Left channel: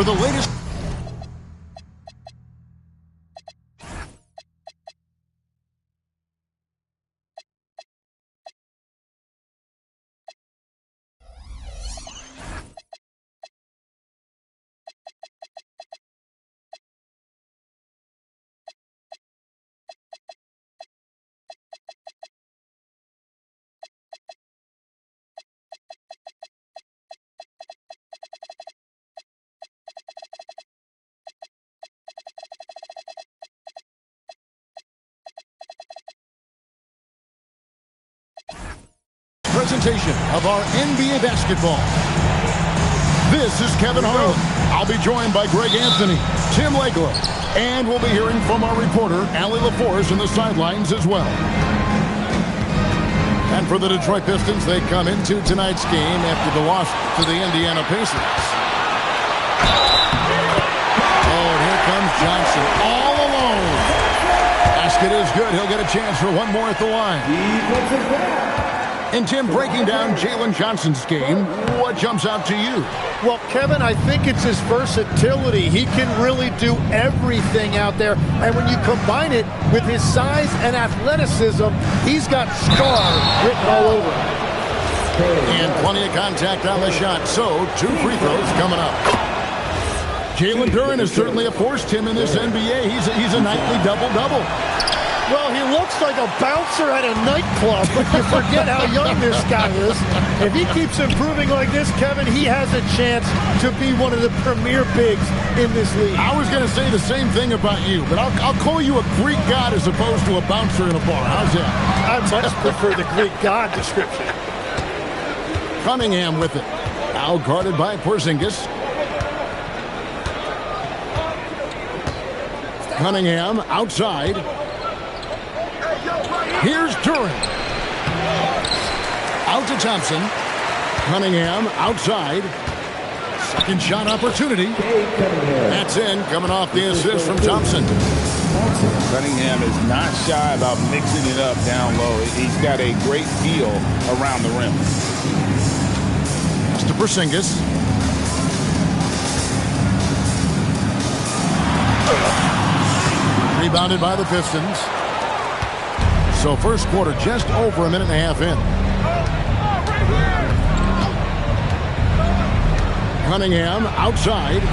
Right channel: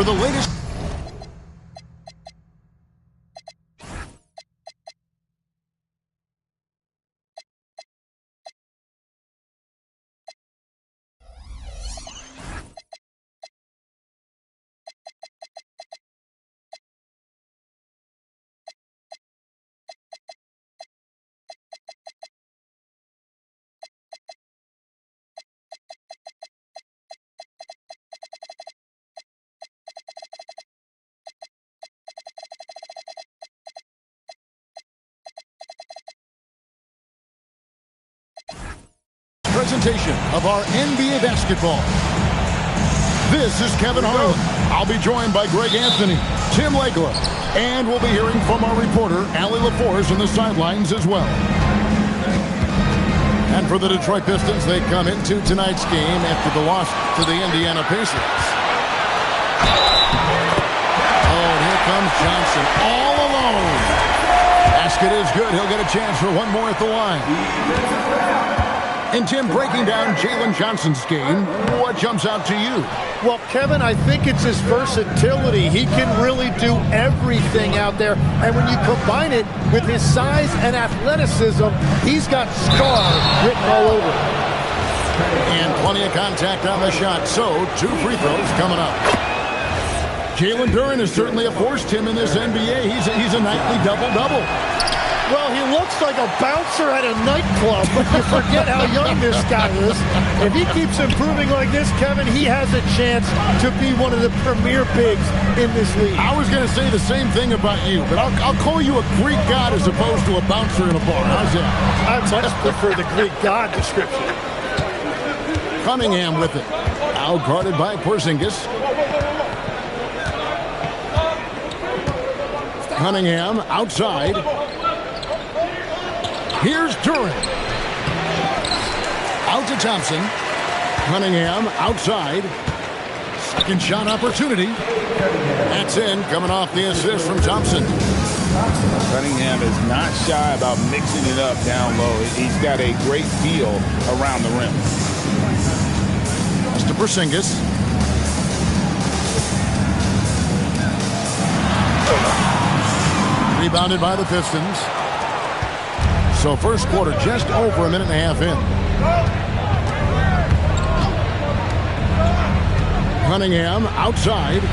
for the latest. Presentation of our NBA basketball. This is Kevin Harlan. I'll be joined by Greg Anthony, Tim Legler, and we'll be hearing from our reporter, Allie LaForce, on the sidelines as well. And for the Detroit Pistons, they come into tonight's game after the loss to the Indiana Pacers. Oh, and here comes Johnson all alone. Basket is good. He'll get a chance for one more at the line. And Tim, breaking down Jalen Johnson's game, what jumps out to you? Well, Kevin, I think it's his versatility. He can really do everything out there. And when you combine it with his size and athleticism, he's got star written all over him. And plenty of contact on the shot. So, 2 free throws coming up. Jalen Duren is certainly a force, Tim, in this NBA. He's a nightly double-double. Well, he looks like a bouncer at a nightclub, but you forget how young this guy is. If he keeps improving like this, Kevin, he has a chance to be one of the premier bigs in this league. I was going to say the same thing about you, but I'll call you a Greek god as opposed to a bouncer in a bar. How's that? I much prefer the Greek god description. Cunningham with it. Now guarded by Porzingis. Cunningham outside. Here's Duren. Out to Thompson. Cunningham outside. Second shot opportunity. That's in, coming off the assist from Thompson. Cunningham is not shy about mixing it up down low. He's got a great feel around the rim. That's to Porzingis. Rebounded by the Pistons. So first quarter just over a minute and a half in. Cunningham outside.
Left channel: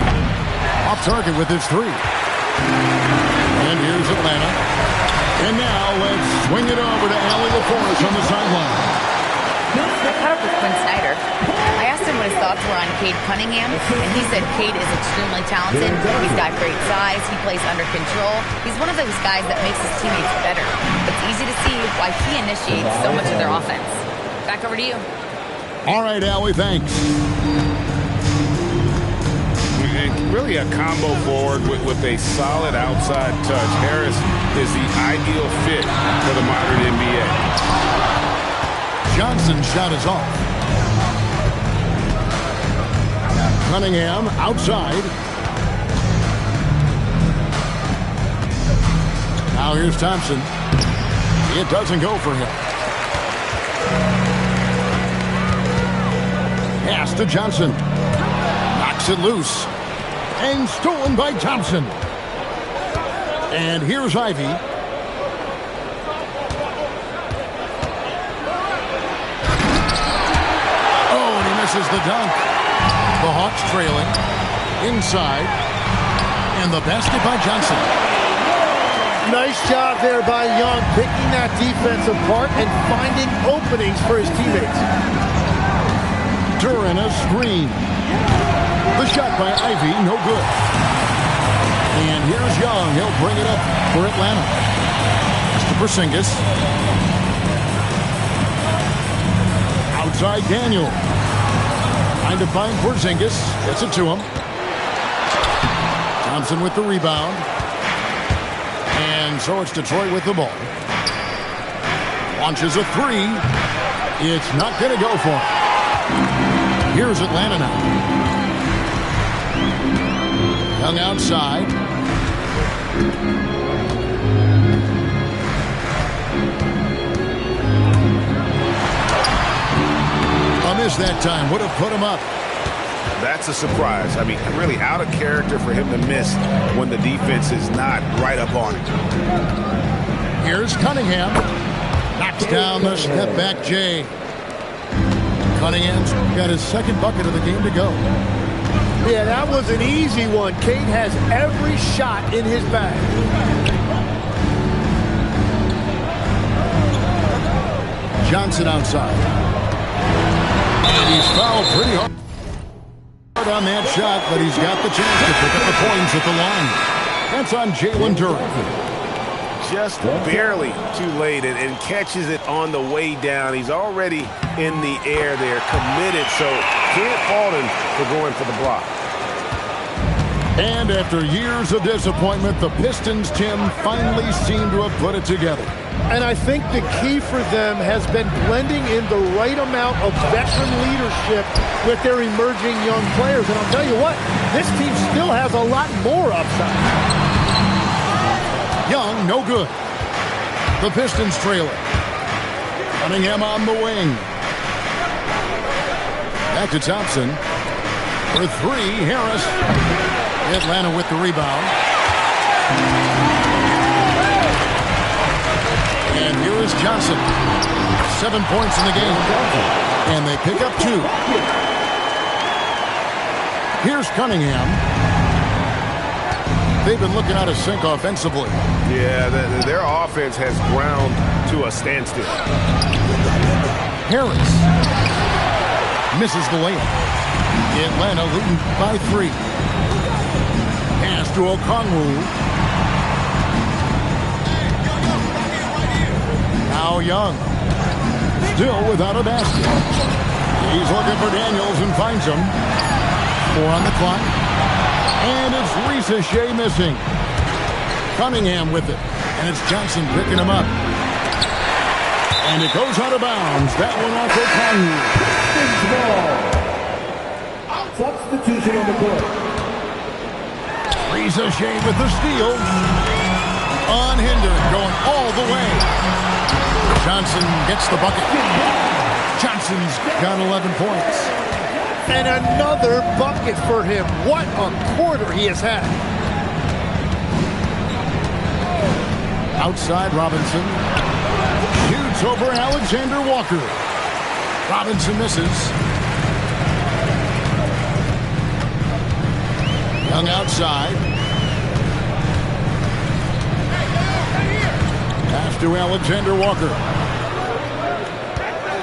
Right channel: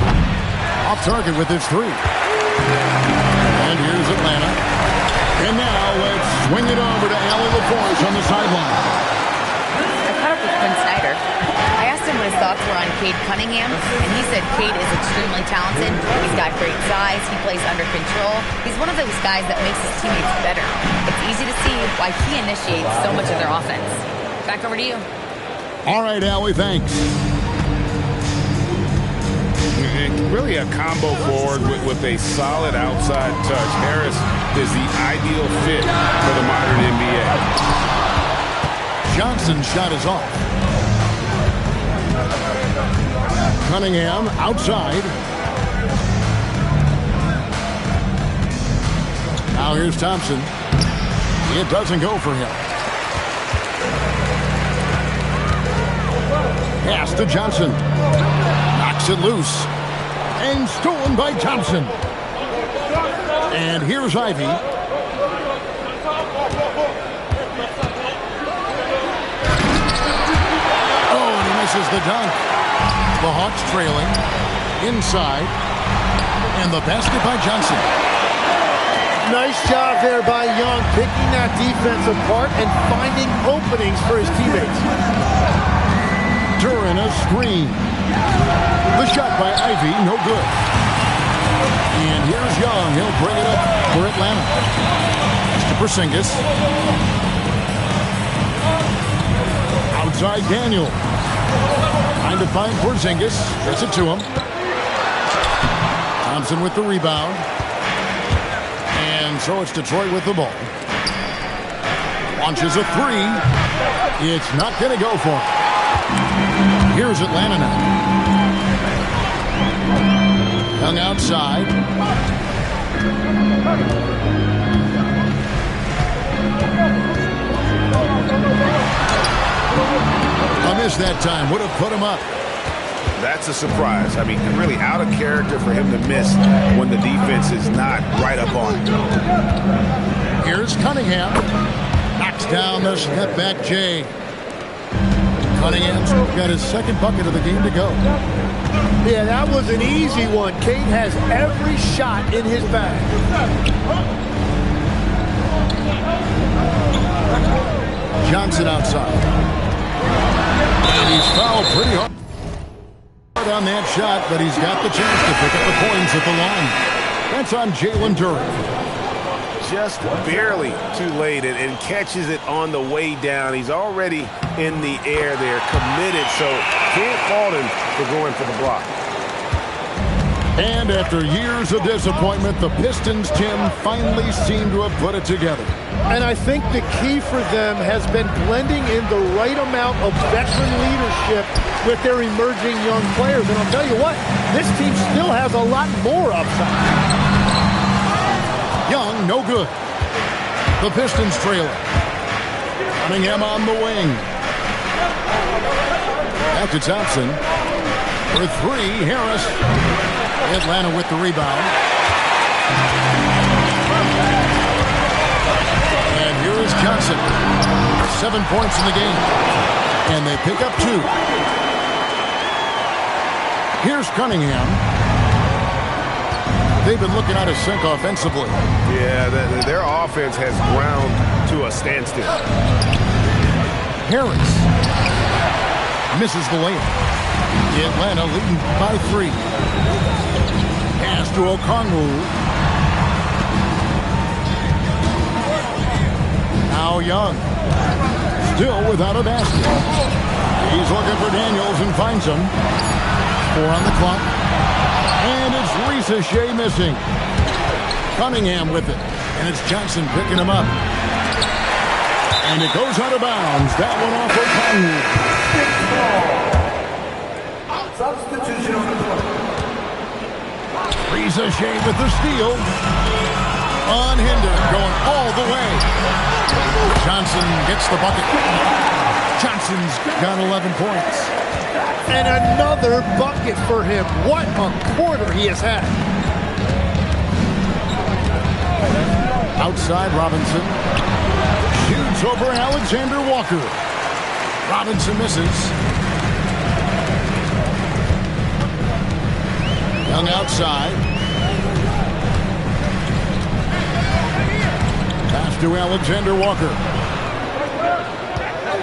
Off target with his 3. And here's Atlanta. And now let's swing it over to Allie LaForce on the sideline. I caught up with Quinn Snyder. I asked him what his thoughts were on Cade Cunningham, and he said Cade is extremely talented. He's got great size. He plays under control. He's one of those guys that makes his teammates better. It's easy to see why he initiates so much of their offense. Back over to you. All right, Allie, thanks. Really a combo forward with a solid outside touch. Harris is the ideal fit for the modern NBA. Johnson's shot is off. Cunningham outside. Now here's Thompson. It doesn't go for him. Pass to Johnson. Knocks it loose. And stolen by Thompson. And here's Ivy. Oh, and he misses the dunk. The Hawks trailing. Inside. And the basket by Johnson. Nice job there by Young, picking that defense apart and finding openings for his teammates. Duren a screen. The shot by Ivy, no good. And here's Young. He'll bring it up for Atlanta. That's to Porzingis. Outside Daniel. Trying to find Porzingis. Gets it to him. Thompson with the rebound. And so it's Detroit with the ball. Launches a 3. It's not going to go for him. Here's Atlanta now. Young outside. A miss that time. Would have put him up. That's a surprise. I mean, really out of character for him to miss when the defense is not right up on it. Here's Cunningham. Knocks down the step back Jay. Cunningham's got his second bucket of the game to go. Yeah, that was an easy one. Cade has every shot in his bag. Johnson outside. And he's fouled pretty hard on that shot, but he's got the chance to pick up the points at the line. That's on Jalen Duren. Just barely too late and catches it on the way down. He's already in the air there, committed, so can't fault him for going for the block. And after years of disappointment, the Pistons, Tim, finally seem to have put it together. And I think the key for them has been blending in the right amount of veteran leadership with their emerging young players. And I'll tell you what, this team still has a lot more upside. Young, no good. The Pistons trail it. Cunningham on the wing. Back to Thompson. For three, Harris. Atlanta with the rebound. And here is Johnson. 7 points in the game. And they pick up 2. Here's Cunningham. They've been looking out of sync offensively. Yeah, their offense has ground to a standstill. Harris misses the layup. Atlanta leading by 3. Pass to Okongwu. Now Young. Still without a basket. He's looking for Daniels and finds him. 4 on the clock. And it's Risa Shea missing. Cunningham with it. And it's Johnson picking him up. And it goes out of bounds. That one off Okongwu. Substitution on the court. Risa Shea with the steal. Unhindered, going all the way. Johnson gets the bucket. Johnson's got 11 points. And another bucket for him. What a quarter he has had. Outside Robinson. Shoots over Alexander Walker. Robinson misses. Young outside. Pass to Alexander Walker.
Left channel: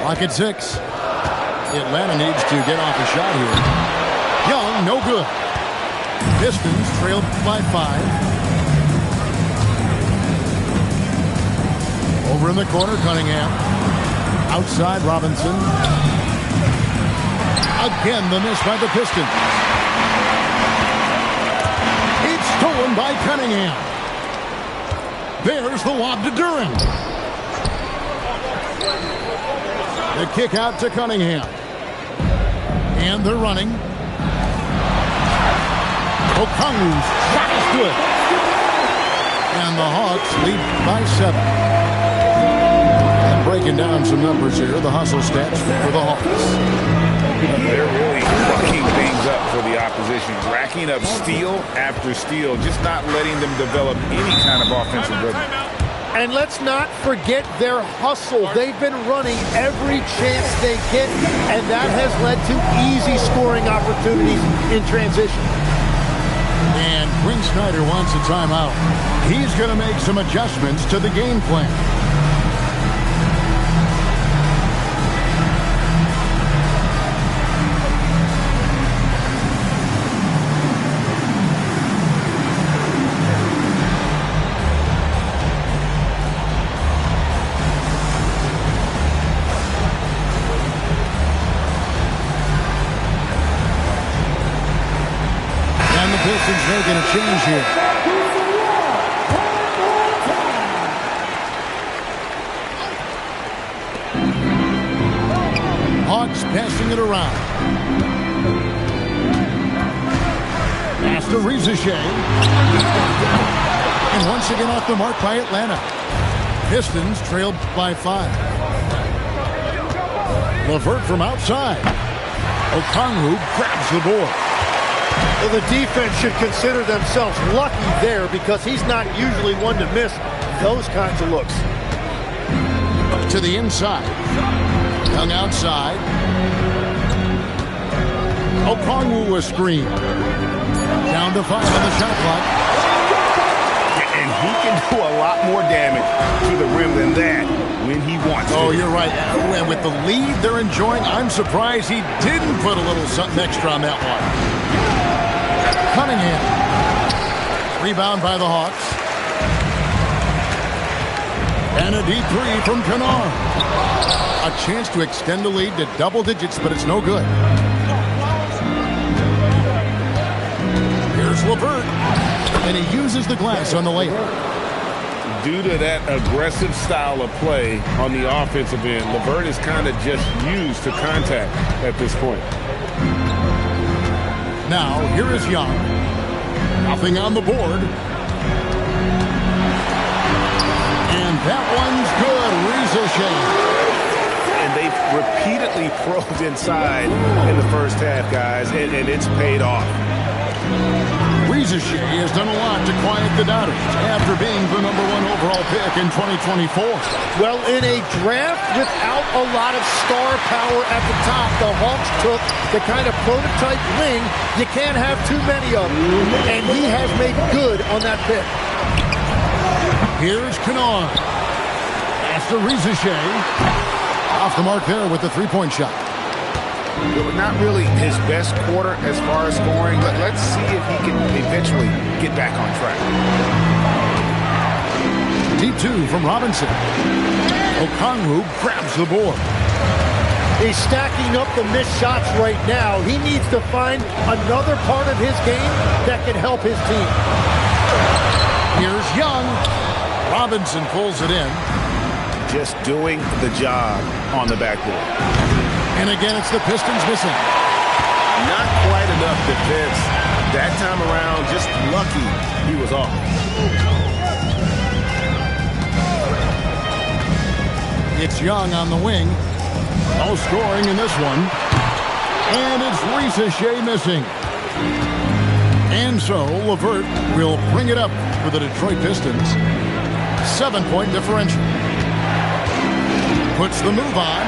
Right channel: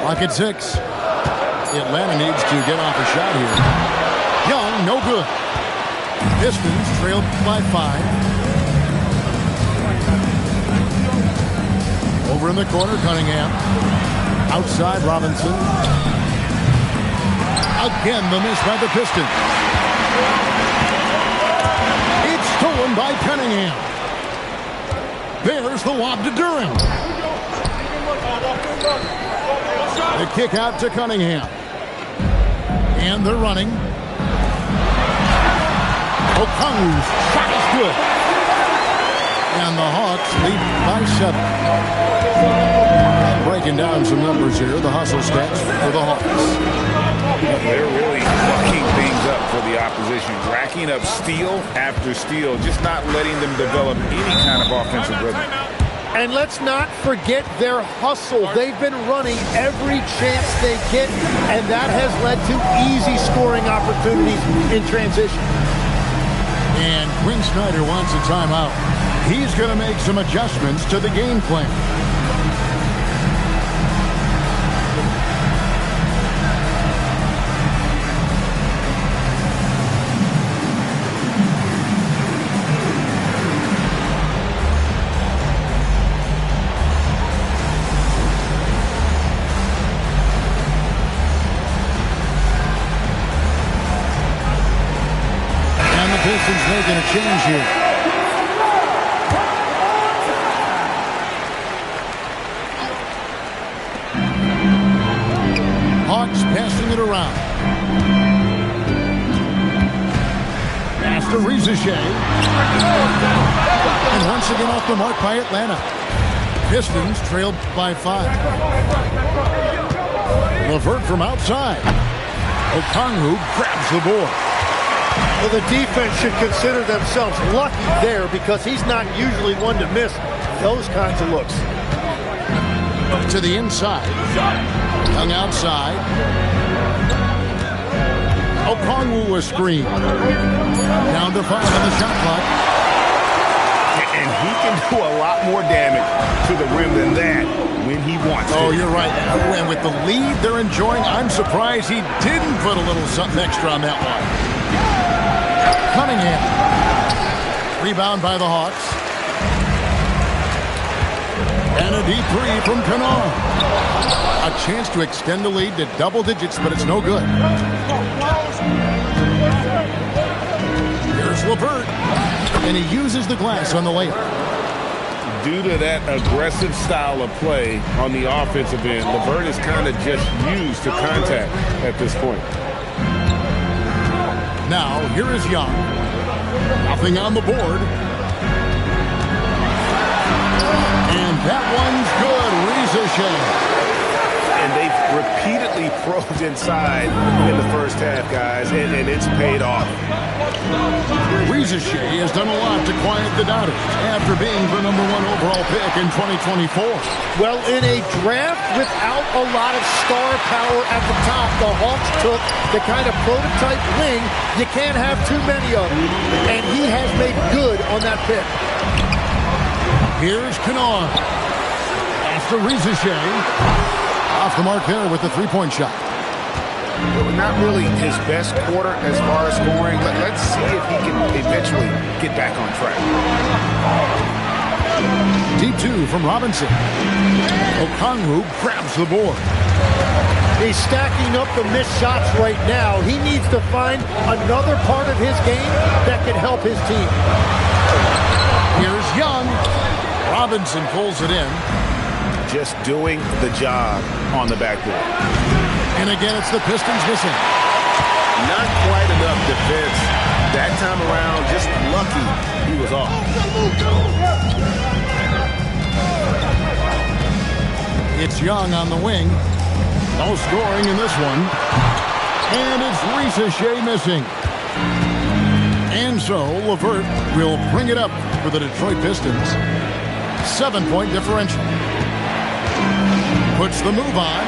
Clock at 6. Atlanta needs to get off a shot here. Young, no good. Pistons trailed by 5. Over in the corner, Cunningham. Outside, Robinson. Again, the miss by the Pistons. It's stolen by Cunningham. There's the lob to Durham. The kick out to Cunningham. And they're running. Okongwu's shot is good. And the Hawks lead by 7. And breaking down some numbers here, the hustle stats for the Hawks. They're really fucking things up for the opposition, racking up steal after steal, just not letting them develop any kind of offensive rhythm. And let's not forget their hustle. They've been running every chance they get, and that has led to easy scoring opportunities in transition. And Quinn Snyder wants a timeout. He's going to make some adjustments to the game plan. Pistons making a change here. Hawks passing it around. Pass to Risa Shea. And once again off the mark by Atlanta. Pistons trailed by 5. LeVert from outside. Okongwu grabs the board. Well, the defense should consider themselves lucky there because he's not usually one to miss those kinds of looks. To the inside. Young outside. Okongwu a screen. Down to 5 on the shot clock. And he can do a lot more damage to the rim than that when he wants to. Oh, you're right. And with the lead they're enjoying, I'm surprised he didn't put a little something extra on that one. Cunningham. Rebound by the Hawks. And a deep three from Kennard. A chance to extend the lead to double digits, but it's no good. Here's LeVert. And he uses the glass on the layup. Due to that aggressive style of play on the offensive end, LeVert is kind of just used to contact at this point. Now, here is Young. Nothing on the board. And that one's good. Reza Shane. And they've repeatedly probed inside in the first half, guys, and it's paid off. Reza Shea has done a lot to quiet the doubters after being the #1 overall pick in 2024. Well, in a draft without a lot of star power at the top, the Hawks took the kind of prototype wing you can't have too many of, and he has made good on that pick. Here's Kennard. Pass to Reza Shea. Off the mark there with the three-point shot. Not really his best quarter as far as scoring. Let's see if he can eventually get back on track. Deep two from Robinson. Okongwu grabs the board. He's stacking up the missed shots right now. He needs to find another part of his game that can help his team. Here's Young. Robinson pulls it in. Just doing the job on the backboard. And again, it's the Pistons missing. Not quite enough defense that time around. Just lucky he was off. It's Young on the wing. No scoring in this one. And it's Reza Shea missing. And so LeVert will bring it up for the Detroit Pistons. 7-point differential. Puts the move on.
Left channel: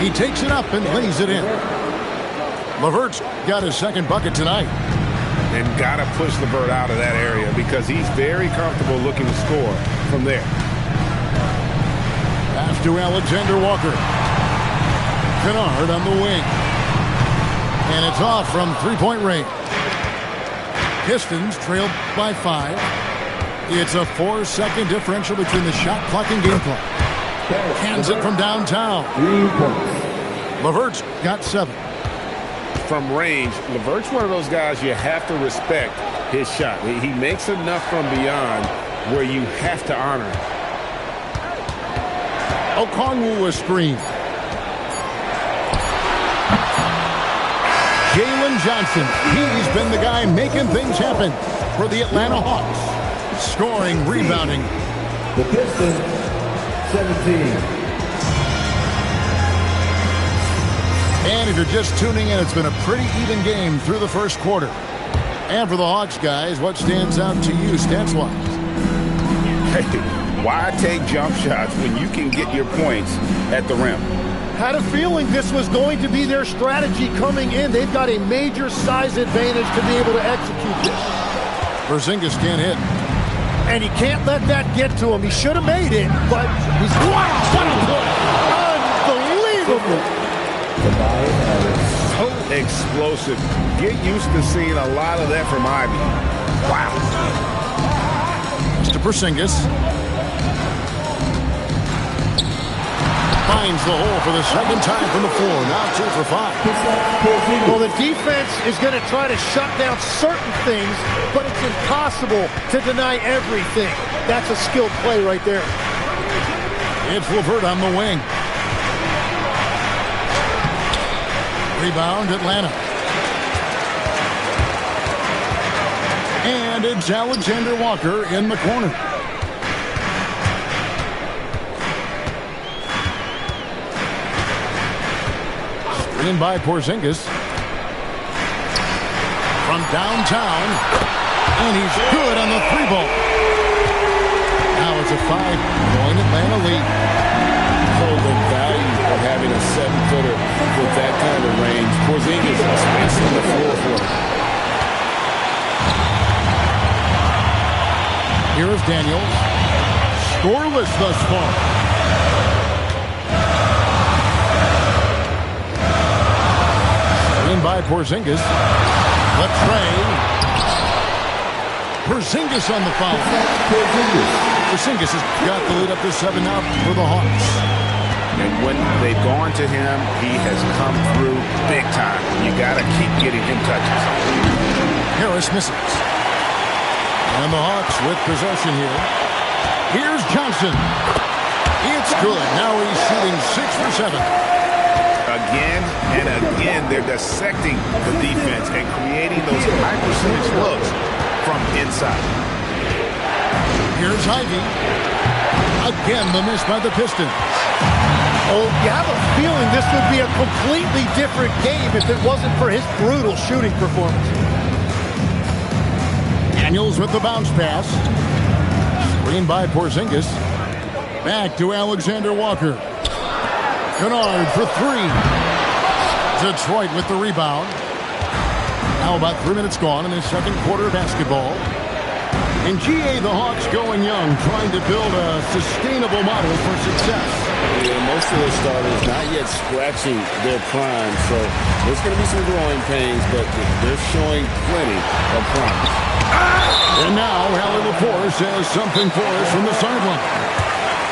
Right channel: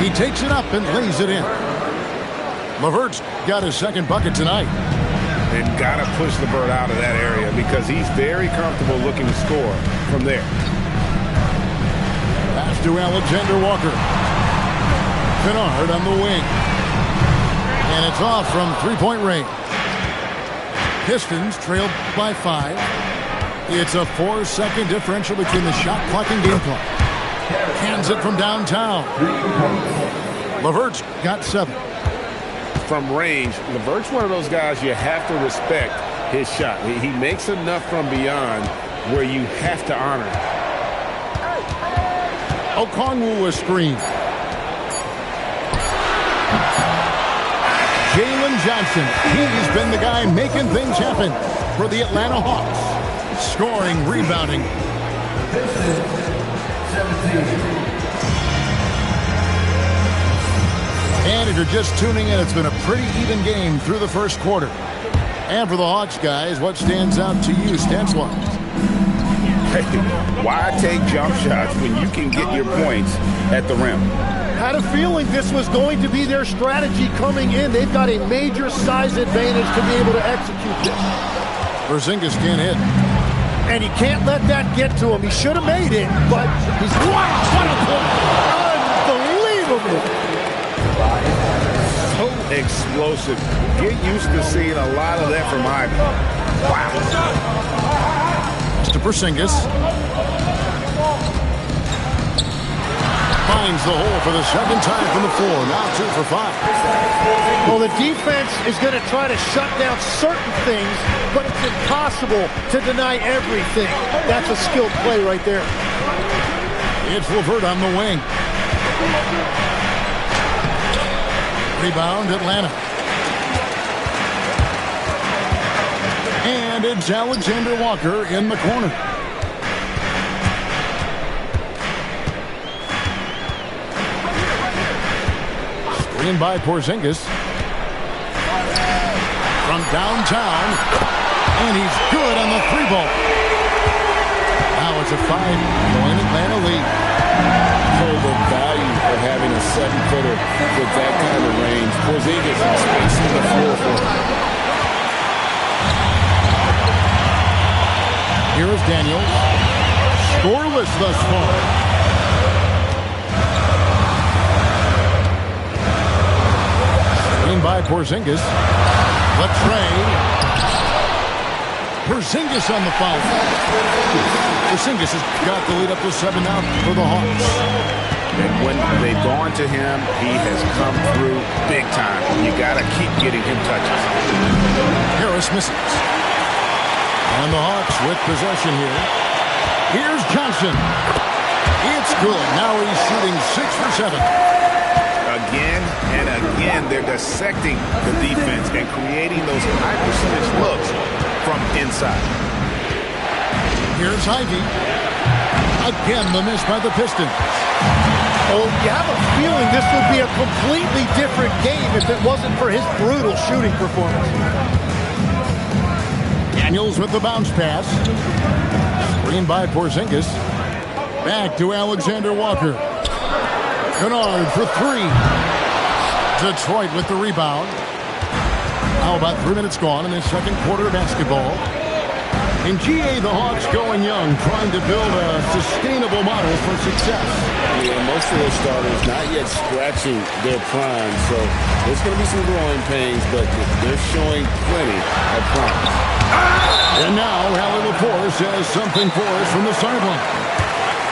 He takes it up and lays it in. LeVert's got his second bucket tonight. And got to push LeVert out of that area because he's very comfortable looking to score from there. Pass to Alexander Walker. Kennard on the wing. And it's off from three-point range. Pistons trailed by 5. It's a 4-second differential between the shot clock and game clock. Cans it from downtown. LeVert's got 7. From range, LeVert's one of those guys you have to respect his shot. He makes enough from beyond where you have to honor him. Okongwu a screen. Jalen Johnson. He's been the guy making things happen for the Atlanta Hawks. Scoring, rebounding. The Pistons, 17. And if you're just tuning in, it's been a pretty even game through the first quarter. And for the Hawks, guys, what stands out to you stats-wise? Hey, why take jump shots when you can get your points at the rim? Had a feeling this was going to be their strategy coming in. They've got a major size advantage to be able to execute this. Porzingis can't hit. And he can't let that get to him. He should have made it, but he's... Wow, what a play! Unbelievable! So explosive. Get used to seeing a lot of that from Ivy. Wow. To Porzingis. Finds the hole for the second time from the floor. Now 2 for 5. Well, the defense is going to try to shut down certain things, but it's impossible to deny everything. That's a skilled play right there. It's LeVert on the wing. Rebound, Atlanta. And it's Alexander Walker in the corner. In by Porzingis. From downtown. And he's good on the 3-ball. Now it's a 5-point Atlanta lead. So the value of having a 7-footer with that kind of range. Porzingis spacing the floor for him. Here is Daniels. Scoreless thus far. In by Porzingis. Latrey. Porzingis on the foul. Porzingis has got the lead up to 7 now for the Hawks. And when they've gone to him, he has come through big time. You got to keep getting him touches. Harris misses. And the Hawks with possession here. Here's Johnson. It's good. Now he's shooting 6 for 7. Again and again, they're dissecting the defense and creating those high percentage looks from inside. Here's Ivy. Again, the miss by the Pistons. Oh, you have a feeling this would be a completely different game if it wasn't for his brutal shooting performance. Daniels with the bounce pass. Screen by Porzingis. Back to Alexander Walker. Kennard for 3. Detroit with the rebound. Now about 3 minutes gone in the second quarter of basketball. In GA, the Hawks going young, trying to build a sustainable model for success. Yeah, most of their starters not yet scratching their prime, so there's going to be some growing pains, but they're showing plenty of promise. And now, Hallie LaForce has something for us from the sideline.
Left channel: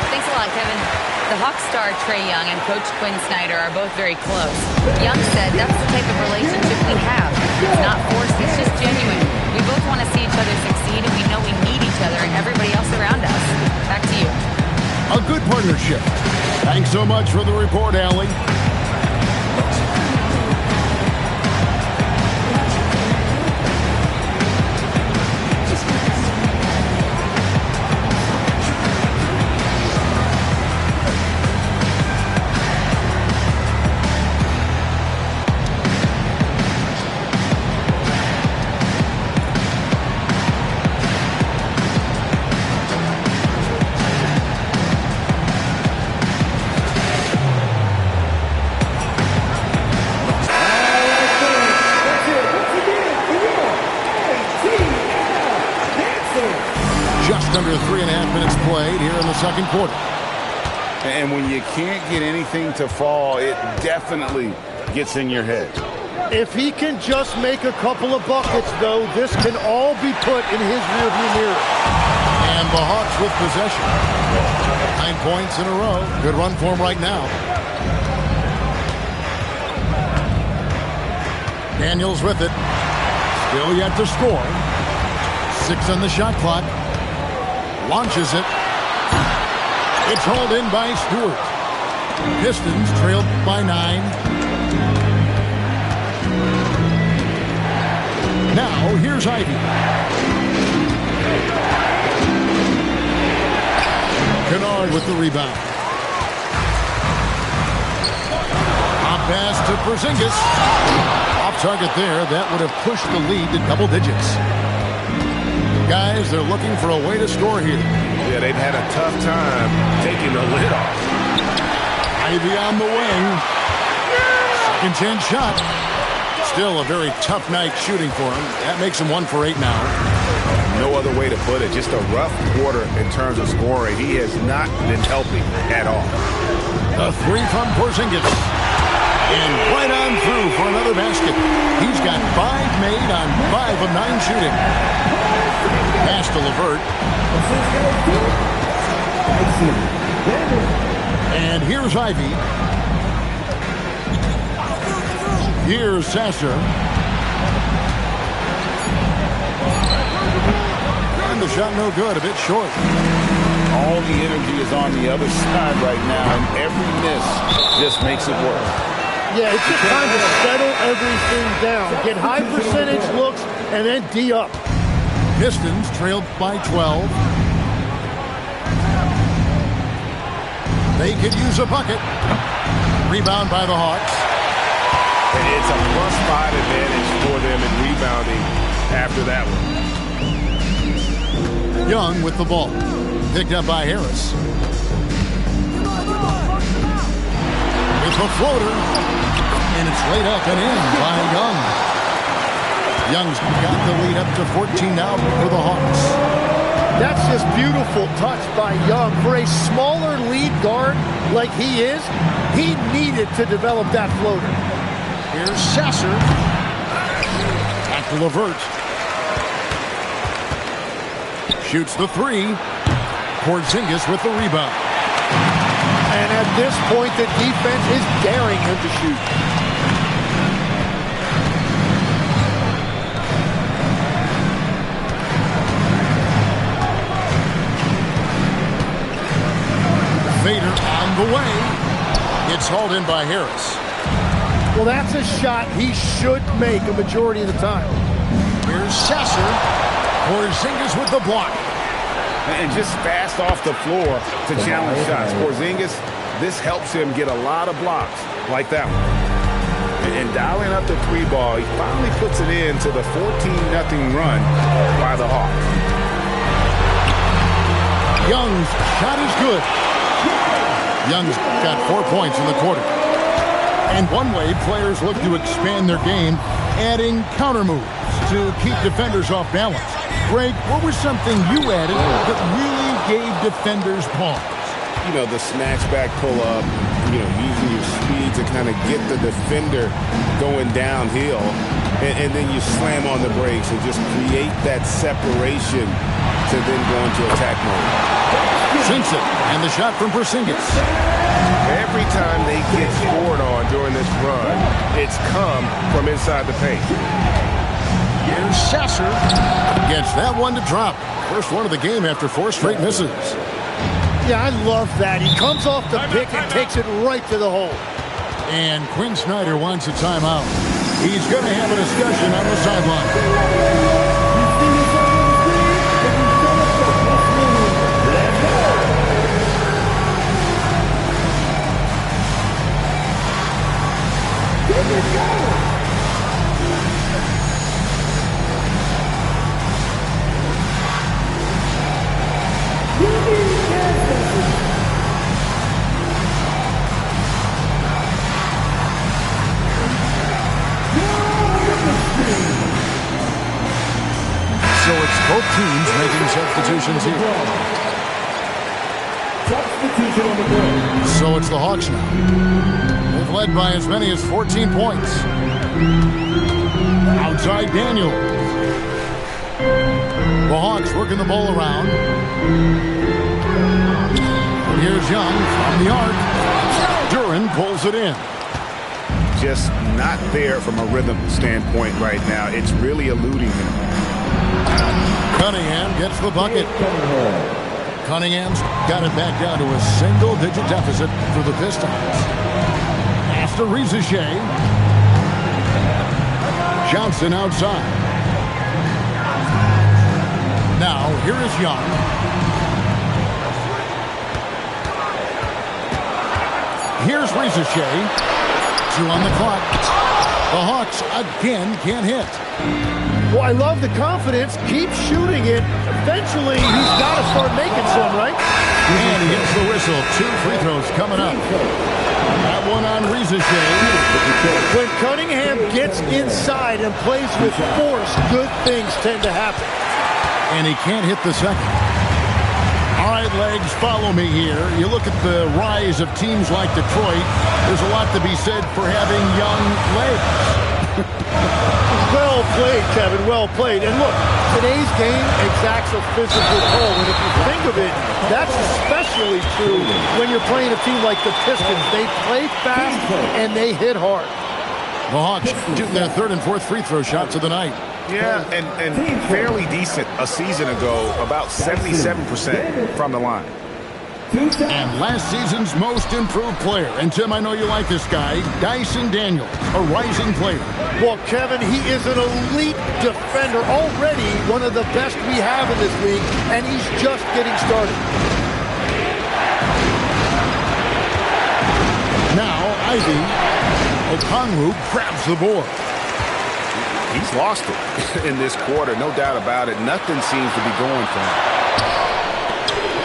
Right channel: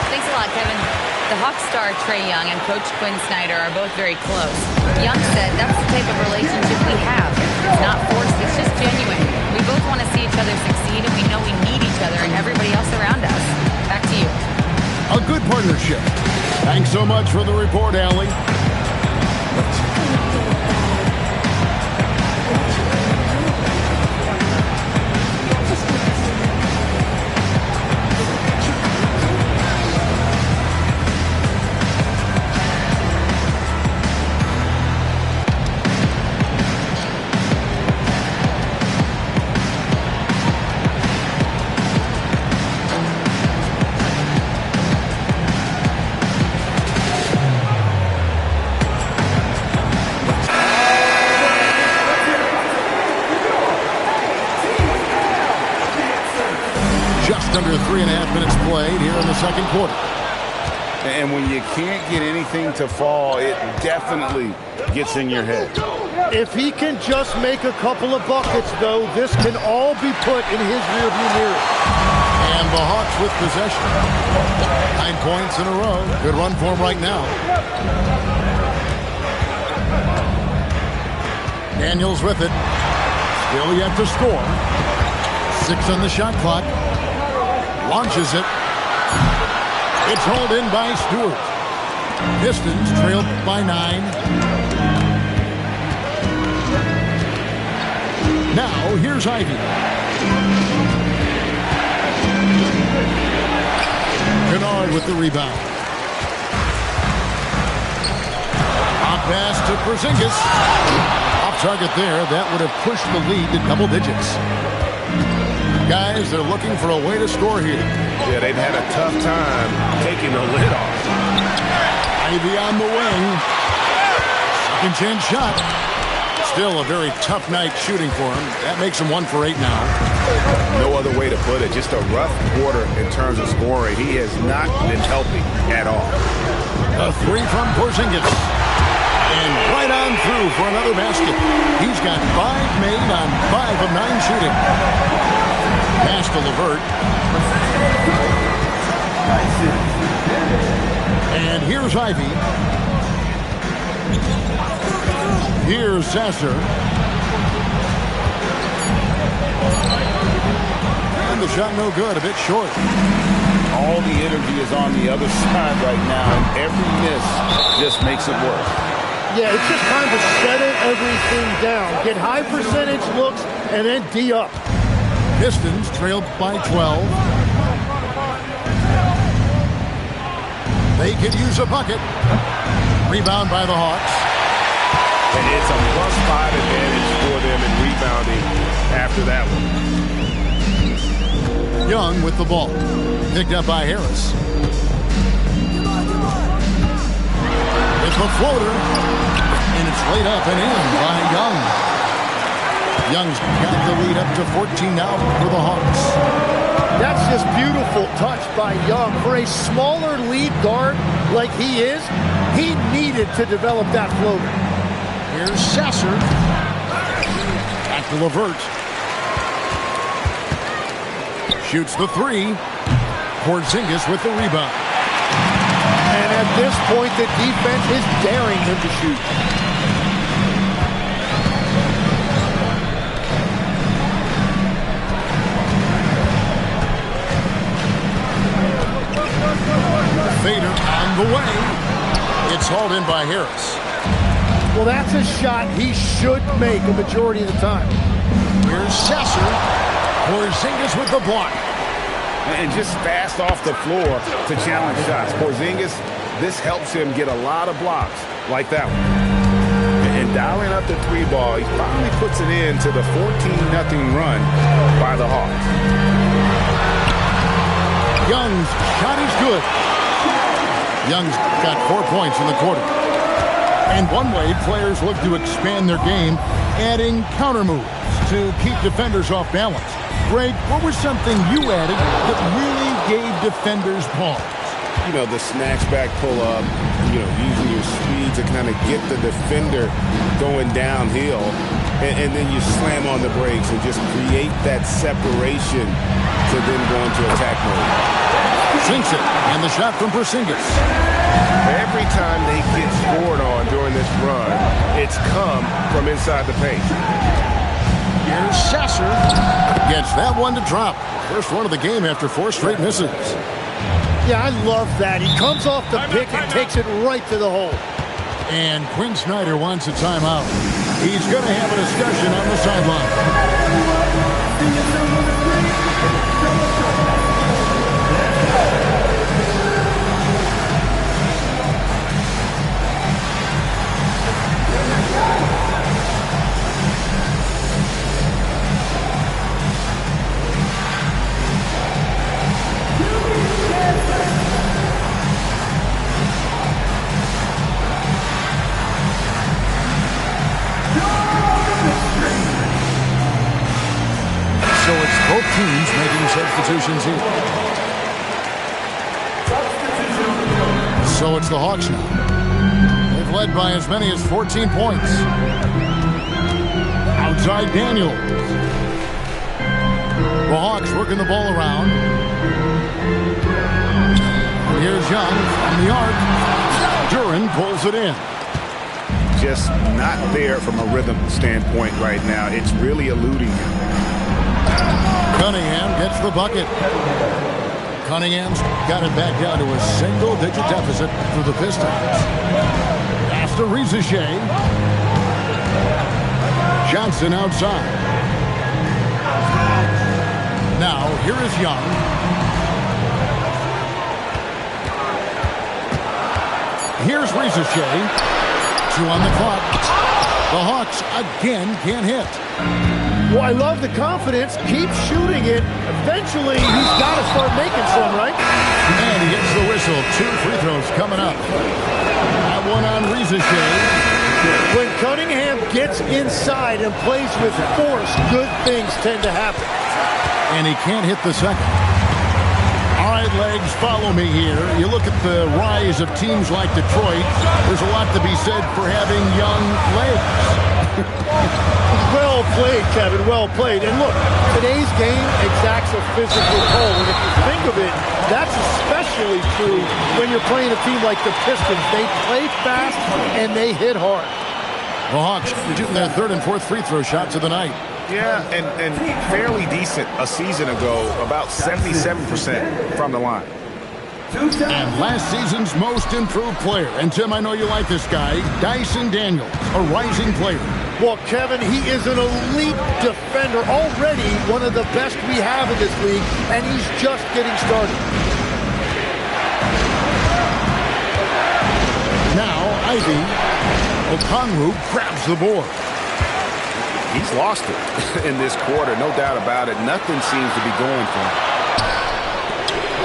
Thanks a lot, Kevin. The Hawks star Trae Young and Coach Quinn Snyder are both very close. Young said that's the type of relationship we have. It's not forced, it's just genuine. We both want to see each other succeed, and we know we need each other and everybody else around us. Back to you. A good partnership. Thanks so much for the report, Allie. Just under 3.5 minutes played here in the second quarter. And when you can't get anything to fall, it definitely gets in your head. If he can just make a couple of buckets, though, this can all be put in his rearview mirror. And the Hawks with possession. 9 points in a row. Good run for him right now. Daniels with it. Still yet to score. 6 on the shot clock. Launches it. It's hauled in by Stewart. Pistons trailed by 9. Now, here's Ivy. Kennard with the rebound. Off pass to Porzingis. Off target there. That would have pushed the lead to double digits. Guys, they're looking for a way to score here. Yeah, they've had a tough time taking the lid off. Ivy on the wing. Second chance shot. Still a very tough night shooting for him. That makes him 1 for 8 now. No other way to put it. Just a rough quarter in terms of scoring. He has not been helping at all. A 3 from Porzingis. And right on through for another basket. He's got 5 made on 5 of 9 shooting. Pass to LeVert. And here's Ivy. Here's Sasser. And the shot no good, a bit short. All the energy is on the other side right now, and every miss just makes it worse. Yeah, it's just time to settle everything down. Get high percentage looks and then D up. Pistons trailed by 12. They could use a bucket. Rebound by the Hawks. It's a +5 advantage for them in rebounding after that one. Young with the ball. Picked up by Harris. With the floater. And it's laid up and in by Young. Young's got the lead up to 14 now for the Hawks. That's just beautiful touch by Young. For a smaller lead guard like he is, he needed to develop that floater. Here's Sasser. Back to LeVert. Shoots the three. Porzingis with the rebound. And at this point, the defense is daring him to shoot. Fader on the way. It's hauled in by Harris. Well, that's a shot he should make a majority of the time. Here's Sasser. Porzingis with the block. And just fast off the floor to challenge shots. Porzingis, this helps him get a lot of blocks like that one. And dialing up the three ball, he finally puts it into the 14-0 run by the Hawks. Young's shot is good. Young's got 4 points in the quarter. And one way players look to expand their game, adding counter moves to keep defenders off balance. Greg, what was something you added that really gave defenders pause? You know, the snatch back pull-up, using your speed to kind of get the defender going downhill. And then you slam on the brakes and just create that separation to then go into attack mode. Sinks it, and the shot from Porzingis. Every time they get scored on during this run, it's come from inside the paint. Here's Sasser. Gets that one to drop. First one of the game after 4 straight misses. Yeah, I love that. He comes off the pick and takes it right to the hole. And Quinn Snyder wants a timeout. He's going to have a discussion on the sideline. So it's both teams making substitutions here. So it's the Hawks now. They've led by as many as 14 points. Outside Daniels. The Hawks working the ball around. And here's Young from the arc. Duran pulls it in. Just not there from a rhythm standpoint right now. It's really eluding him. Cunningham gets the bucket. Cunningham's got it back down to a single-digit deficit for the Pistons. Pass to Rizichet. Johnson outside. Now, here is Young. Here's Rizichet. 2 on the clock. The Hawks again can't hit. Well, I love the confidence. Keep shooting it. Eventually, he's got to start making some, right? And he gets the whistle. 2 free throws coming up. That one on Rizichet. When Cunningham gets inside and plays with force, good things tend to happen. And he can't hit the second. All right, Legs, follow me here. You look at the rise of teams like Detroit. There's a lot to be said for having young legs. Well played, Kevin. Well played. And look, today's game exacts a physical toll. And if you think of it, that's especially true when you're playing a team like the Pistons. They play fast and they hit hard. The Hawks shooting their 3rd and 4th free throw shots of the night. Yeah, and fairly decent a season ago, about 77% from the line. And last season's most improved player. And, Tim, I know you like this guy, Dyson Daniels, a rising player. Well, Kevin, he is an elite defender, already one of the best we have in this league, and he's just getting started. Now, Ivy Okongwu grabs the board. He's lost it in this quarter, no doubt about it. Nothing seems to be going for him.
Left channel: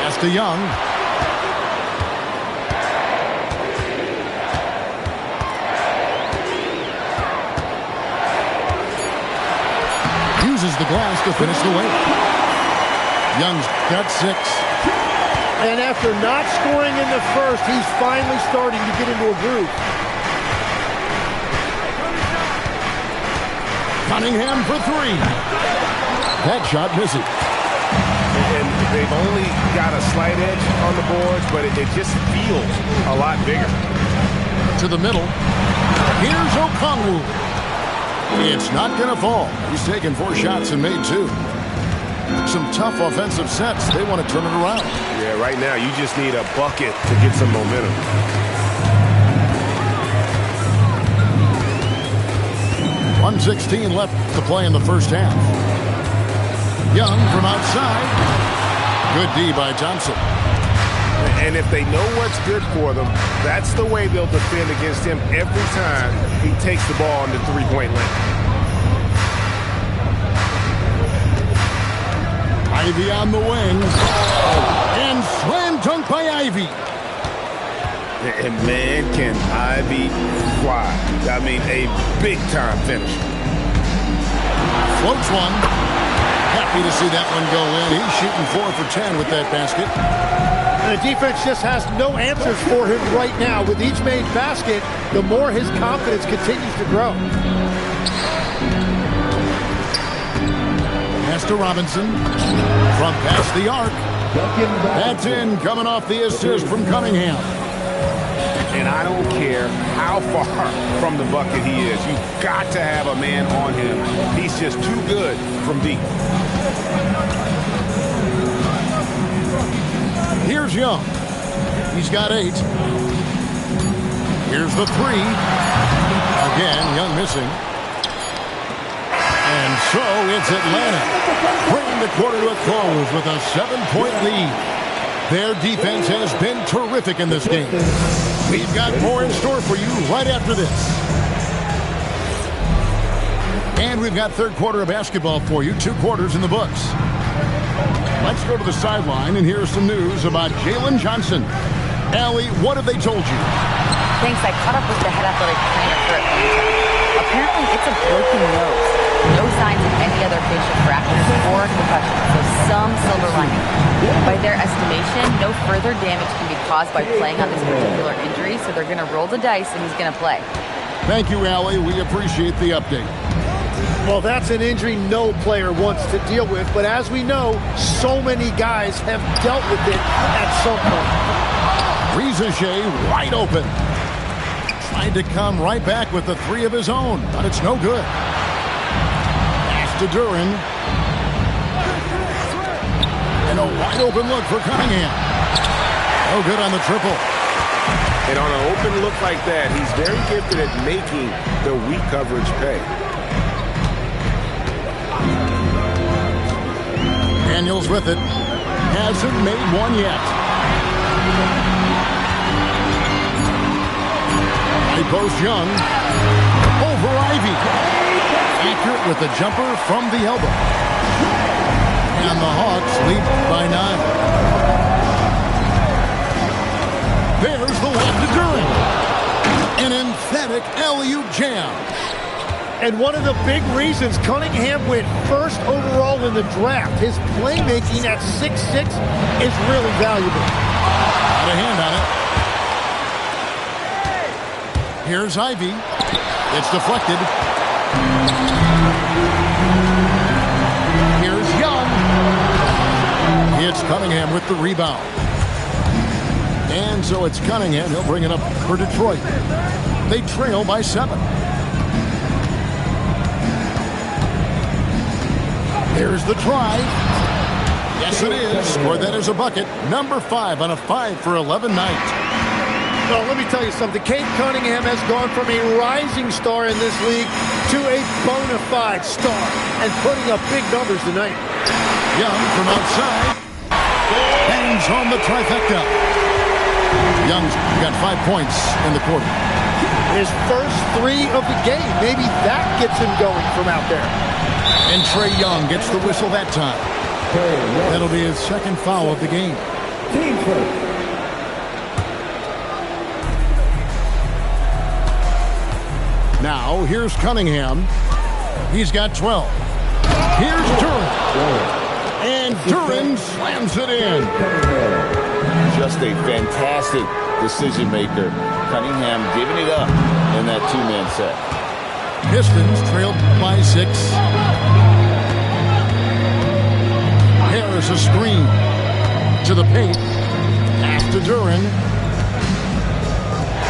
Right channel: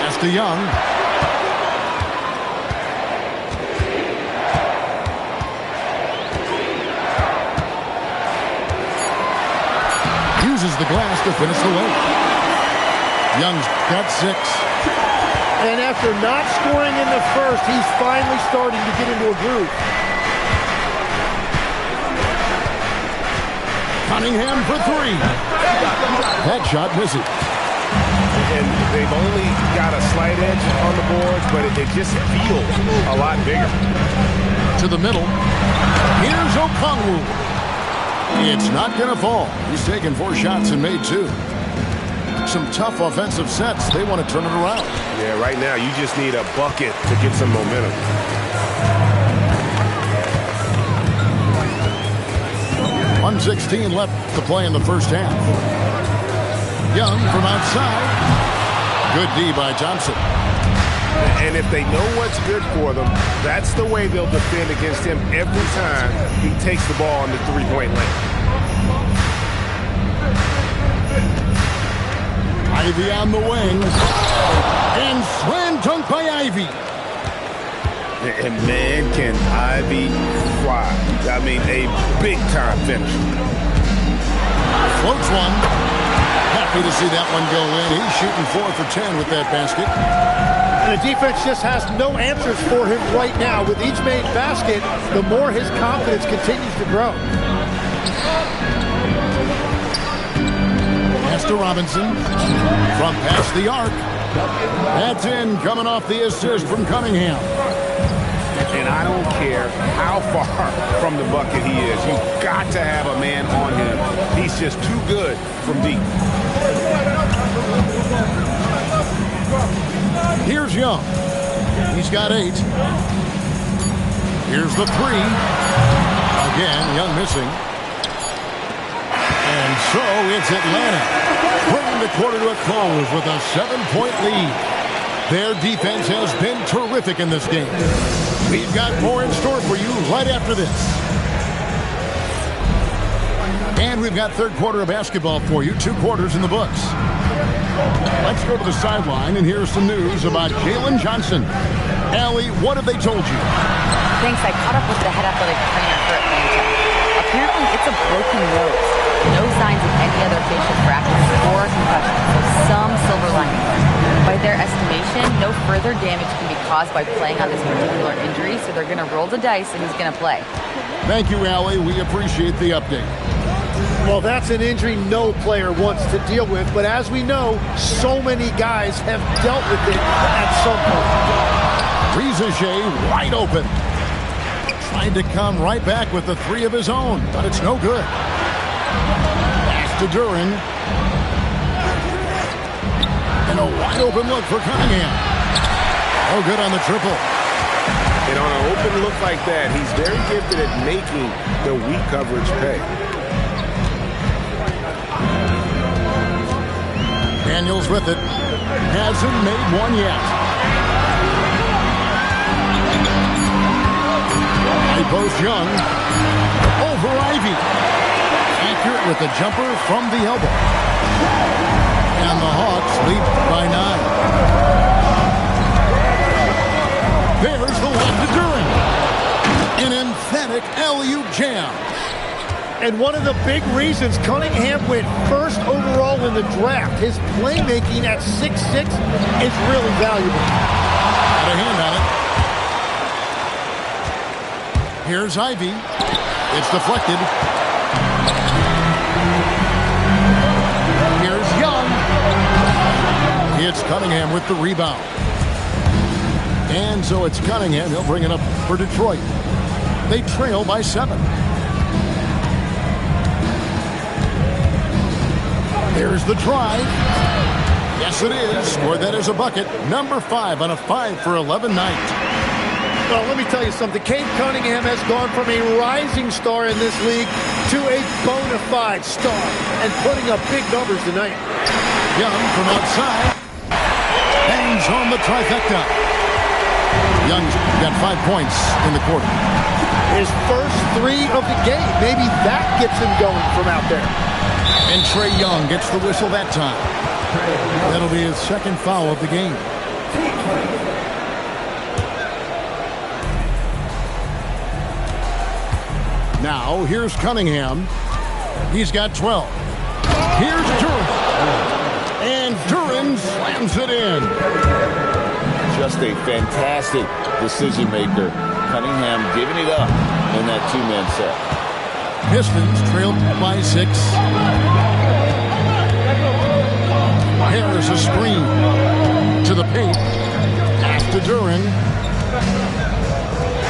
Pass to Young. Uses the glass to finish the weight. Young's got 6. And after not scoring in the first, he's finally starting to get into a groove. Cunningham for 3. That shot misses. And they've only got a slight edge on the boards, but it just feels a lot bigger. To the middle. Here's Okongwu. It's not going to fall. He's taken 4 shots and made 2. Some tough offensive sets. They want to turn it around. Yeah, right now you just need a bucket to get some momentum. .116 left to play in the first half. Young from outside. Good D by Johnson. And if they know what's good for them, that's the way they'll defend against him every time he takes the ball in the three-point lane. Ivy on the wing. And slam dunk by Ivy. And man, can Ivy fly. I mean, a big-time finisher. Floats one. Happy to see that one go in. He's shooting 4 for 10 with that basket. And the defense just has no answers for him right now. With each made basket, the more his confidence continues to grow. Pass to Robinson. From past the arc. That's in, coming off the assist from Cunningham. And I don't care how far from the bucket he is. You've got to have a man on him. He's just too good from deep. Here's Young. He's got 8. Here's the 3. Again, Young missing. And so it's Atlanta, bringing the quarter to a close with a 7-point lead. Their defense has been terrific in this game. We've got more in store for you right after this. And we've got third quarter of basketball for you, 2 quarters in the books. Let's go to the sideline and hear some news about Jalen Johnson. Allie, what have they told you? Thanks. I caught up with the head athletic trainer for Atlanta. Apparently, it's a broken nose. No signs of any other facial fractures or concussion, so some silver lining. By their estimation, no further damage can be caused by playing on this particular injury, so they're going to roll the dice and he's going to play. Thank you, Allie. We appreciate the update. Well, that's an injury no player wants to deal with, but as we know, so many guys have dealt with it at some point. Rizachet wide open. Tried to come right back with the 3 of his own, but it's no good. Pass to Duran. And a wide open look for Cunningham. No good on the triple. And on an open look like that, he's very gifted at making the weak coverage pay. Daniels with it. Hasn't made one yet. High post Young. Over Ivy. Accurate with the jumper from the elbow. And the Hawks lead by 9. There's the lob to Duran. An emphatic alley-oop jam. And one of the big reasons Cunningham went first overall in the draft, his playmaking at 6'6" is really valuable. Got a hand on it. Here's Ivy. It's deflected. Here's Young. It's Cunningham with the rebound. And so it's Cunningham. He'll bring it up for Detroit. They trail by 7. There's the drive. Yes, it is. Scored that as a bucket. Number 5 on a 5 for 11 night. Well, let me tell you something. Cade Cunningham has gone from a rising star in this league to a bona fide star and putting up big numbers tonight. Young from outside. Bangs on the trifecta. Young's got 5 points in the quarter. His first 3 of the game. Maybe that gets him going from out there. And Trae Young gets the whistle that time. That'll be his second foul of the game. Team play. Now, here's Cunningham. He's got 12. Here's Duren. And Duren slams it in. Just a fantastic decision maker. Cunningham giving it up in that two-man set. Pistons trailed by 6. Harris a screen to the paint. Pass to Duren.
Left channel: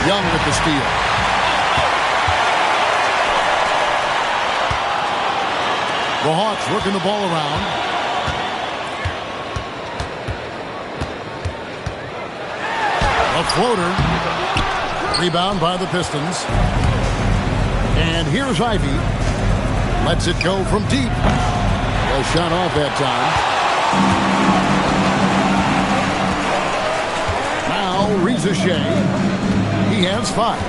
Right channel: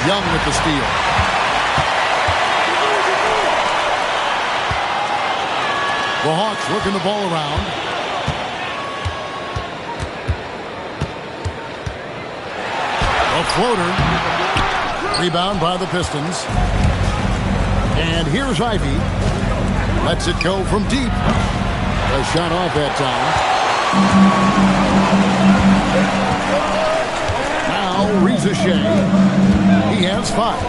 Young with the steal. The Hawks working the ball around. A floater. Rebound by the Pistons. And here's Ivy. Lets it go from deep. A shot off that time. Now Reza Shea. He has 5.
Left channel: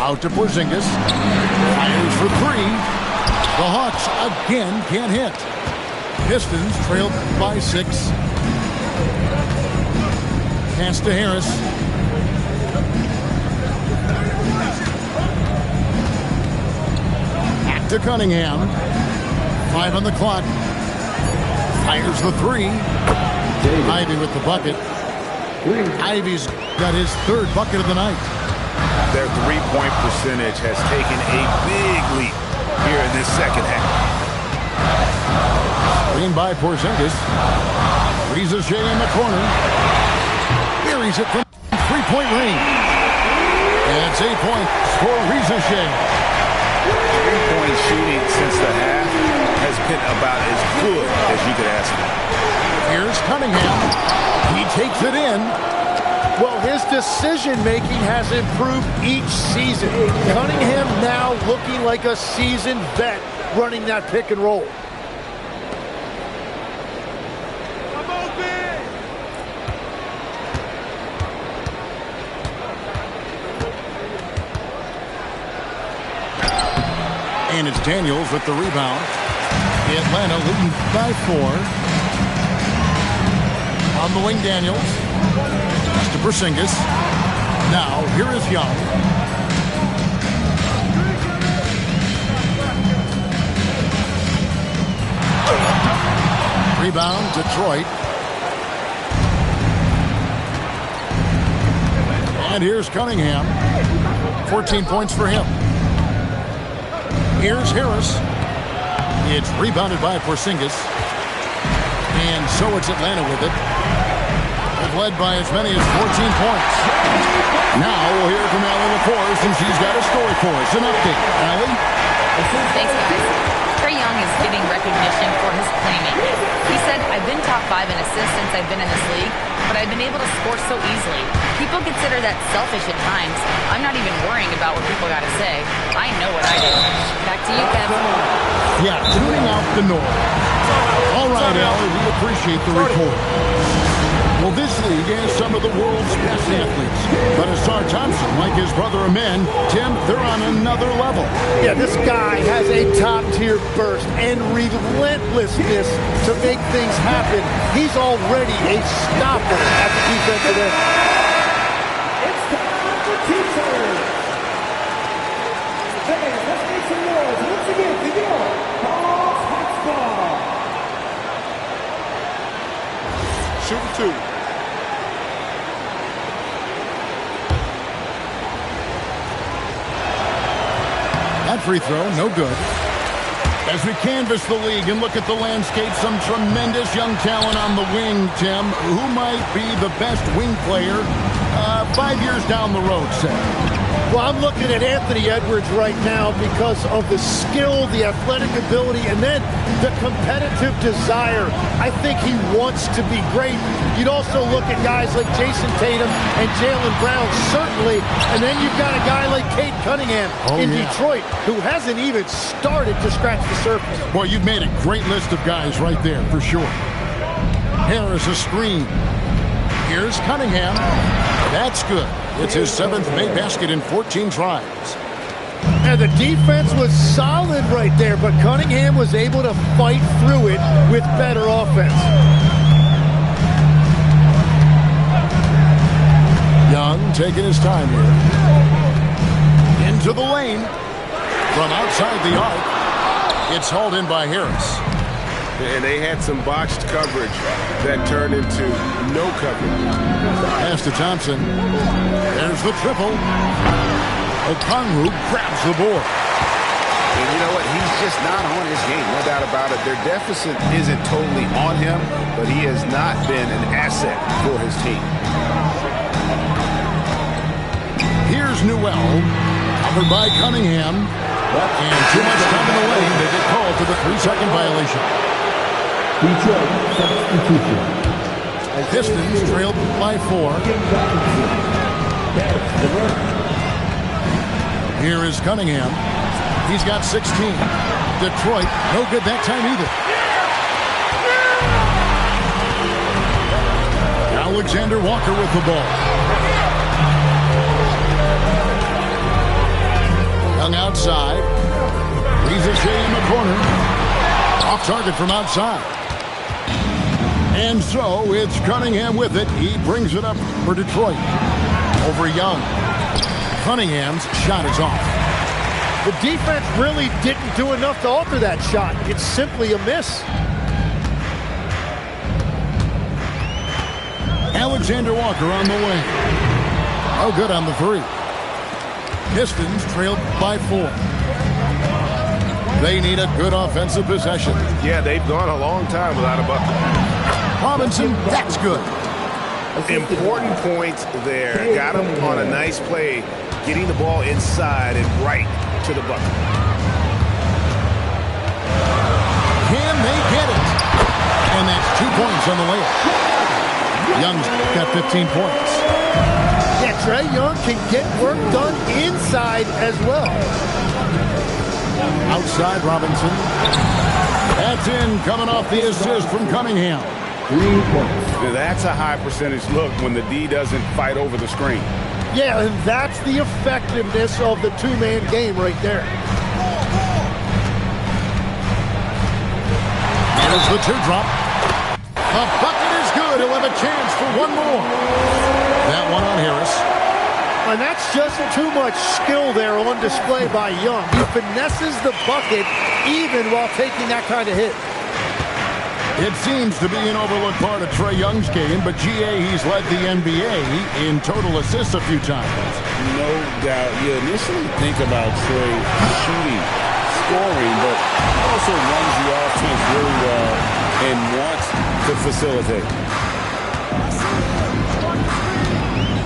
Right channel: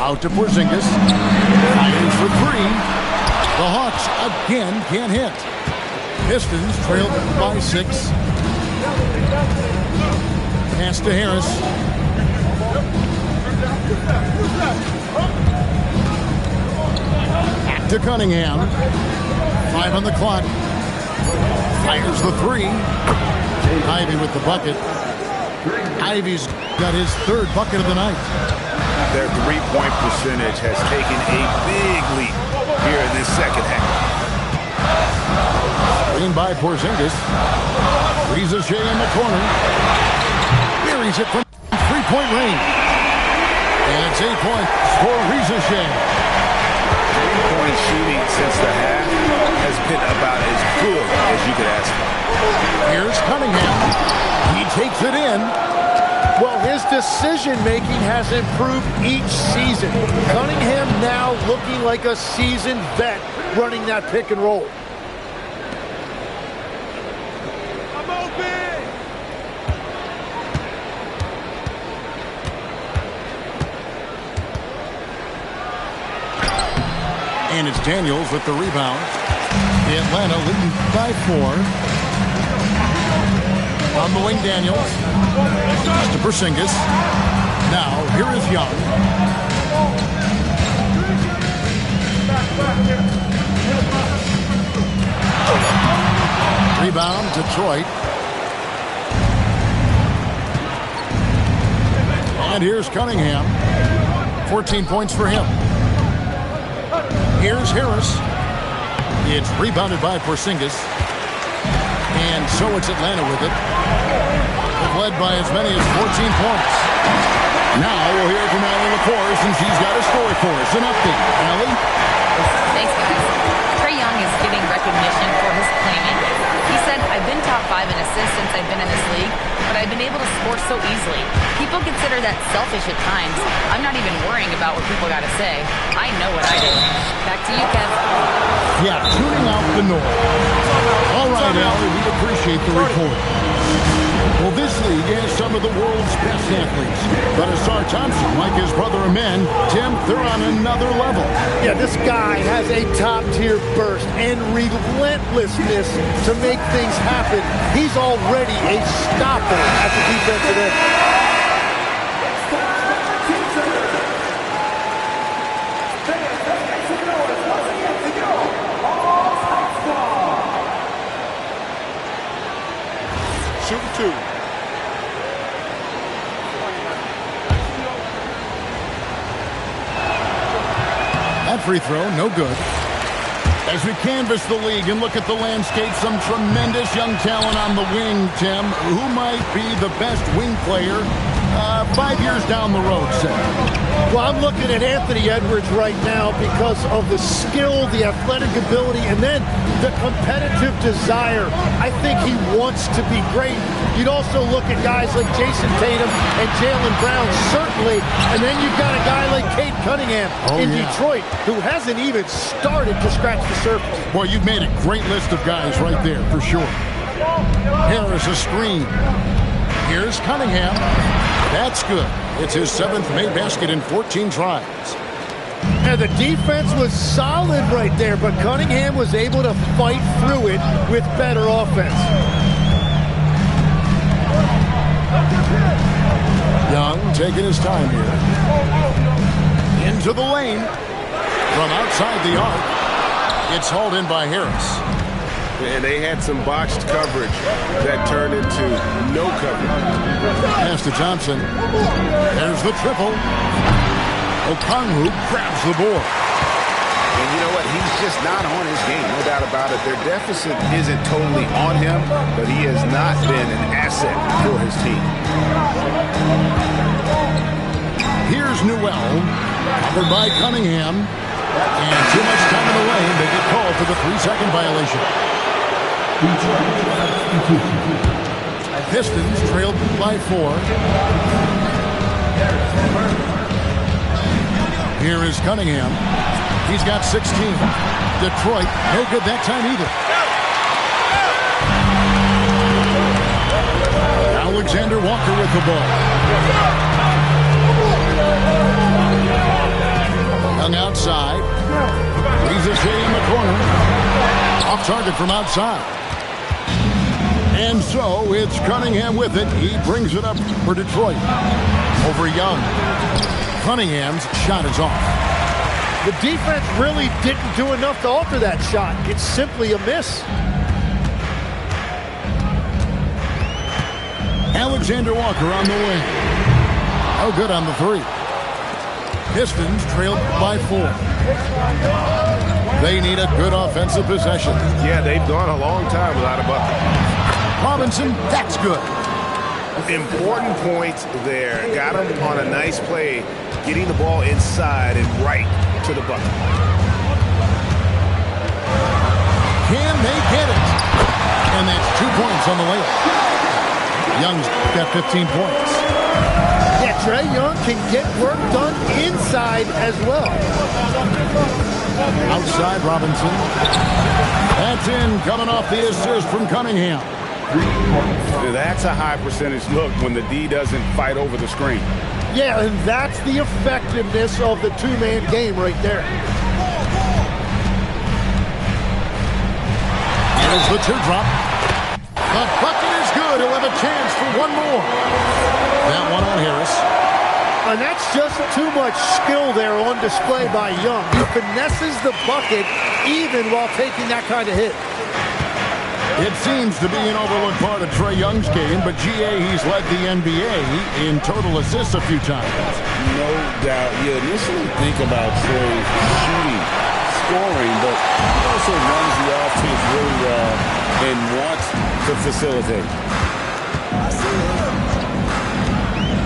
Out to Porzingis. Fires for 3. The Hawks again can't hit. Pistons trailed by 6. Pass to Harris. Back to Cunningham. 5 on the clock. Fires the 3. Ivy with the bucket. Ivy's got his 3rd bucket of the night. Their three-point percentage has taken a big leap here in this second half. Screen by Porzingis. Reza Shea in the corner. Buries it from 3-point range. And it's 8 points for Reza Shea. Three-point shooting since the half has been about as good as you could ask for. Here's Cunningham. He takes it in. Well, his decision-making has improved each season. Cunningham now looking like a seasoned vet running that pick and roll. I'm open! And it's Daniels with the rebound. Atlanta leading by 4. On the wing, Daniels. Pass to Porzingis. Now, here is Young. Rebound, Detroit. And here's Cunningham. 14 points for him. Here's Harris. It's rebounded by Porzingis. And so it's Atlanta with it. They've led by as many as 14 points. Now we'll hear from Allie LaForce, and she's got a story for us. An update. Allie? Thanks, guys. Trae Young is getting recognition for his playmaking. He said, I've been top 5 in assists since I've been in this league, but I've been able to score so easily. People consider that selfish at times. I'm not even worrying about what people got to say. I know what I do. Back to you, Kev. Yeah, tuning out the noise. All right, Allie, we appreciate the report. Well, this league has some of the world's best athletes. But Asar Thompson, like his brother Amen, Tim, they're on another level. Yeah, this guy has a top-tier burst and relentlessness to make things happen. He's already a stopper at the defensive end. It's time for team turn. Fans, let's make some noise. Once again, to go. Hawks High Squad. Shooting 2. That free throw, no good. As we canvass the league and look at the landscape, some tremendous young talent on the wing, Tim. Who might be the best wing player 5 years down the road, say? Well, I'm looking at Anthony Edwards right now because of the skill, the athletic ability, and then the competitive desire. I think he wants to be great. You'd also look at guys like Jason Tatum and Jaylen Brown, certainly. And then you've got a guy like Cade Cunningham in Detroit, who hasn't even started to scratch the surface. Boy, you've made a great list of guys right there, for sure. Harris a screen. Here's Cunningham. That's good. It's his 7th made basket in 14 tries. And the defense was solid right there, but Cunningham was able to fight through it with better offense. Young taking his time here. Into the lane. From outside the arc. It's hauled in by Harris. And they had some botched coverage that turned into no coverage. Pass to Thompson. There's the triple. Okongwu grabs the board. And you know what? He's just not on his game, no doubt about it. Their deficit isn't totally on him, but he has not been an asset for his team. Here's Newell. Covered by Cunningham. And too much time in the lane. They get called for the 3-second violation. Pistons trailed by 4. Here is Cunningham. He's got 16. Detroit, no good that time either. Alexander Walker with the ball. Young outside. Ricochet in the corner. Off target from outside. And so it's Cunningham with it. He brings it up for Detroit. Over Young. Cunningham's shot is off. The defense really didn't do enough to alter that shot. It's simply a miss. Alexander Walker on the wing. No good on the 3. Pistons trailed by 4. They need a good offensive possession. Yeah, they've gone a long time without a bucket. Robinson, that's good. Important points there. Got him on a nice play, getting the ball inside and right to the bucket. Can they get it? And that's 2 points on the layup. Young's got 15 points. Yeah, Trae Young can get work done inside as well. Outside Robinson. That's in, coming off the assist from Cunningham. 3 points. That's a high percentage look when the D doesn't fight over the screen. Yeah, and that's the effectiveness of the two-man game right there. Here's the teardrop. The bucket is good. He'll have a chance for one more. That one on Harris. And that's just too much skill there on display by Young. He finesses the bucket even while taking that kind of hit. It seems to be an overlooked part of Trae Young's game, but GA, he's led the NBA in total assists a few times. No doubt. You initially think about Trae shooting, scoring, but he also runs the offense really well and wants to facilitate.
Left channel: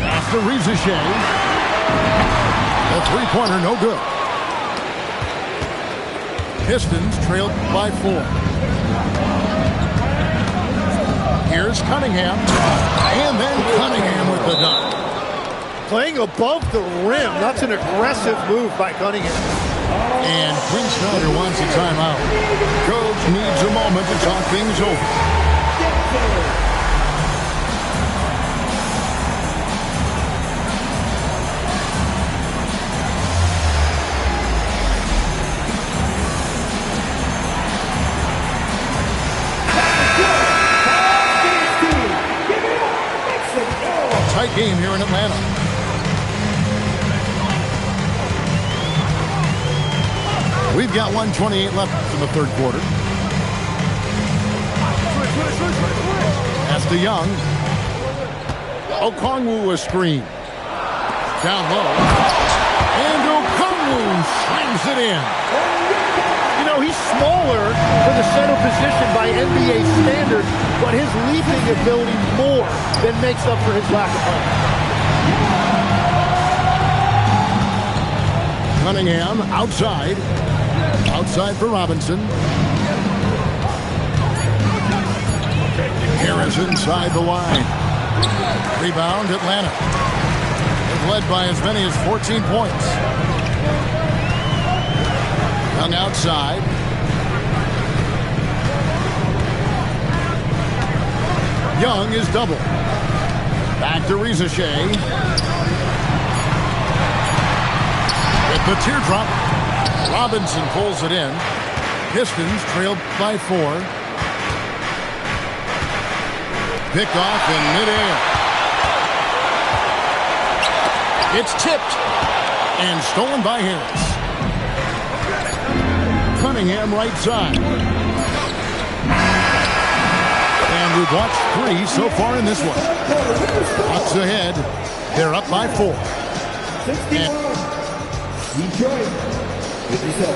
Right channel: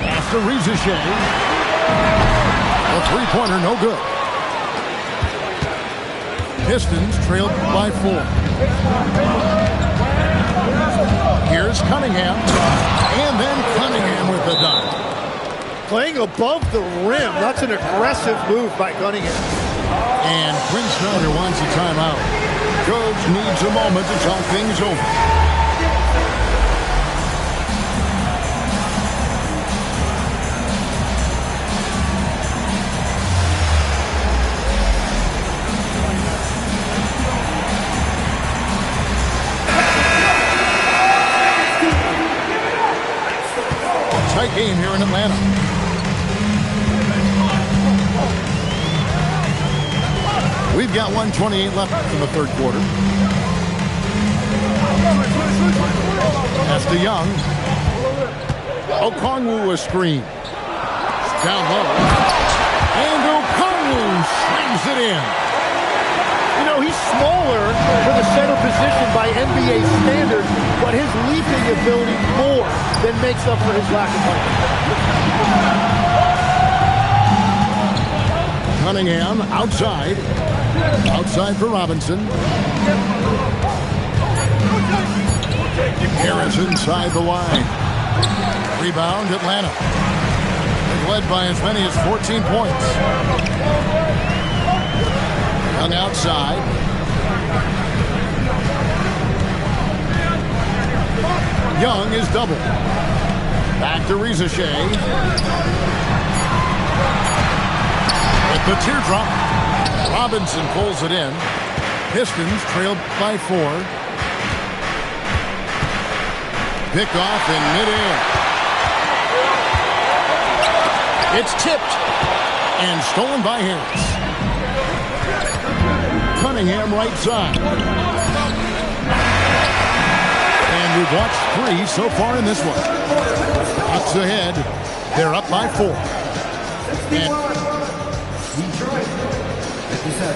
After Ricochet, a three-pointer, no good. Pistons trailed by 4. Here's Cunningham, and then Cunningham with the dunk. Playing above the rim. That's an aggressive move by Cunningham. And Quinn Snyder wants a timeout. Coach needs a moment to talk things over. Tight game here in Atlanta. We've got 1:28 left in the third quarter. Pass to Young. Okongwu a screen. Down low. And Okongwu slams it in. You know, he's smaller for the center position by NBA standards, but his leaping ability more than makes up for his lack of height. Cunningham outside. Outside for Robinson. Harris inside the line. Rebound Atlanta. They've led by as many as 14 points. Young outside. Young is double. Back to Ricochet. With the teardrop, Robinson pulls it in. Pistons trailed by 4. Picked off in midair. It's tipped and stolen by Harris. Cunningham right side. And we've watched 3 so far in this one. Bucks ahead. They're up by 4. And Detroit, 57.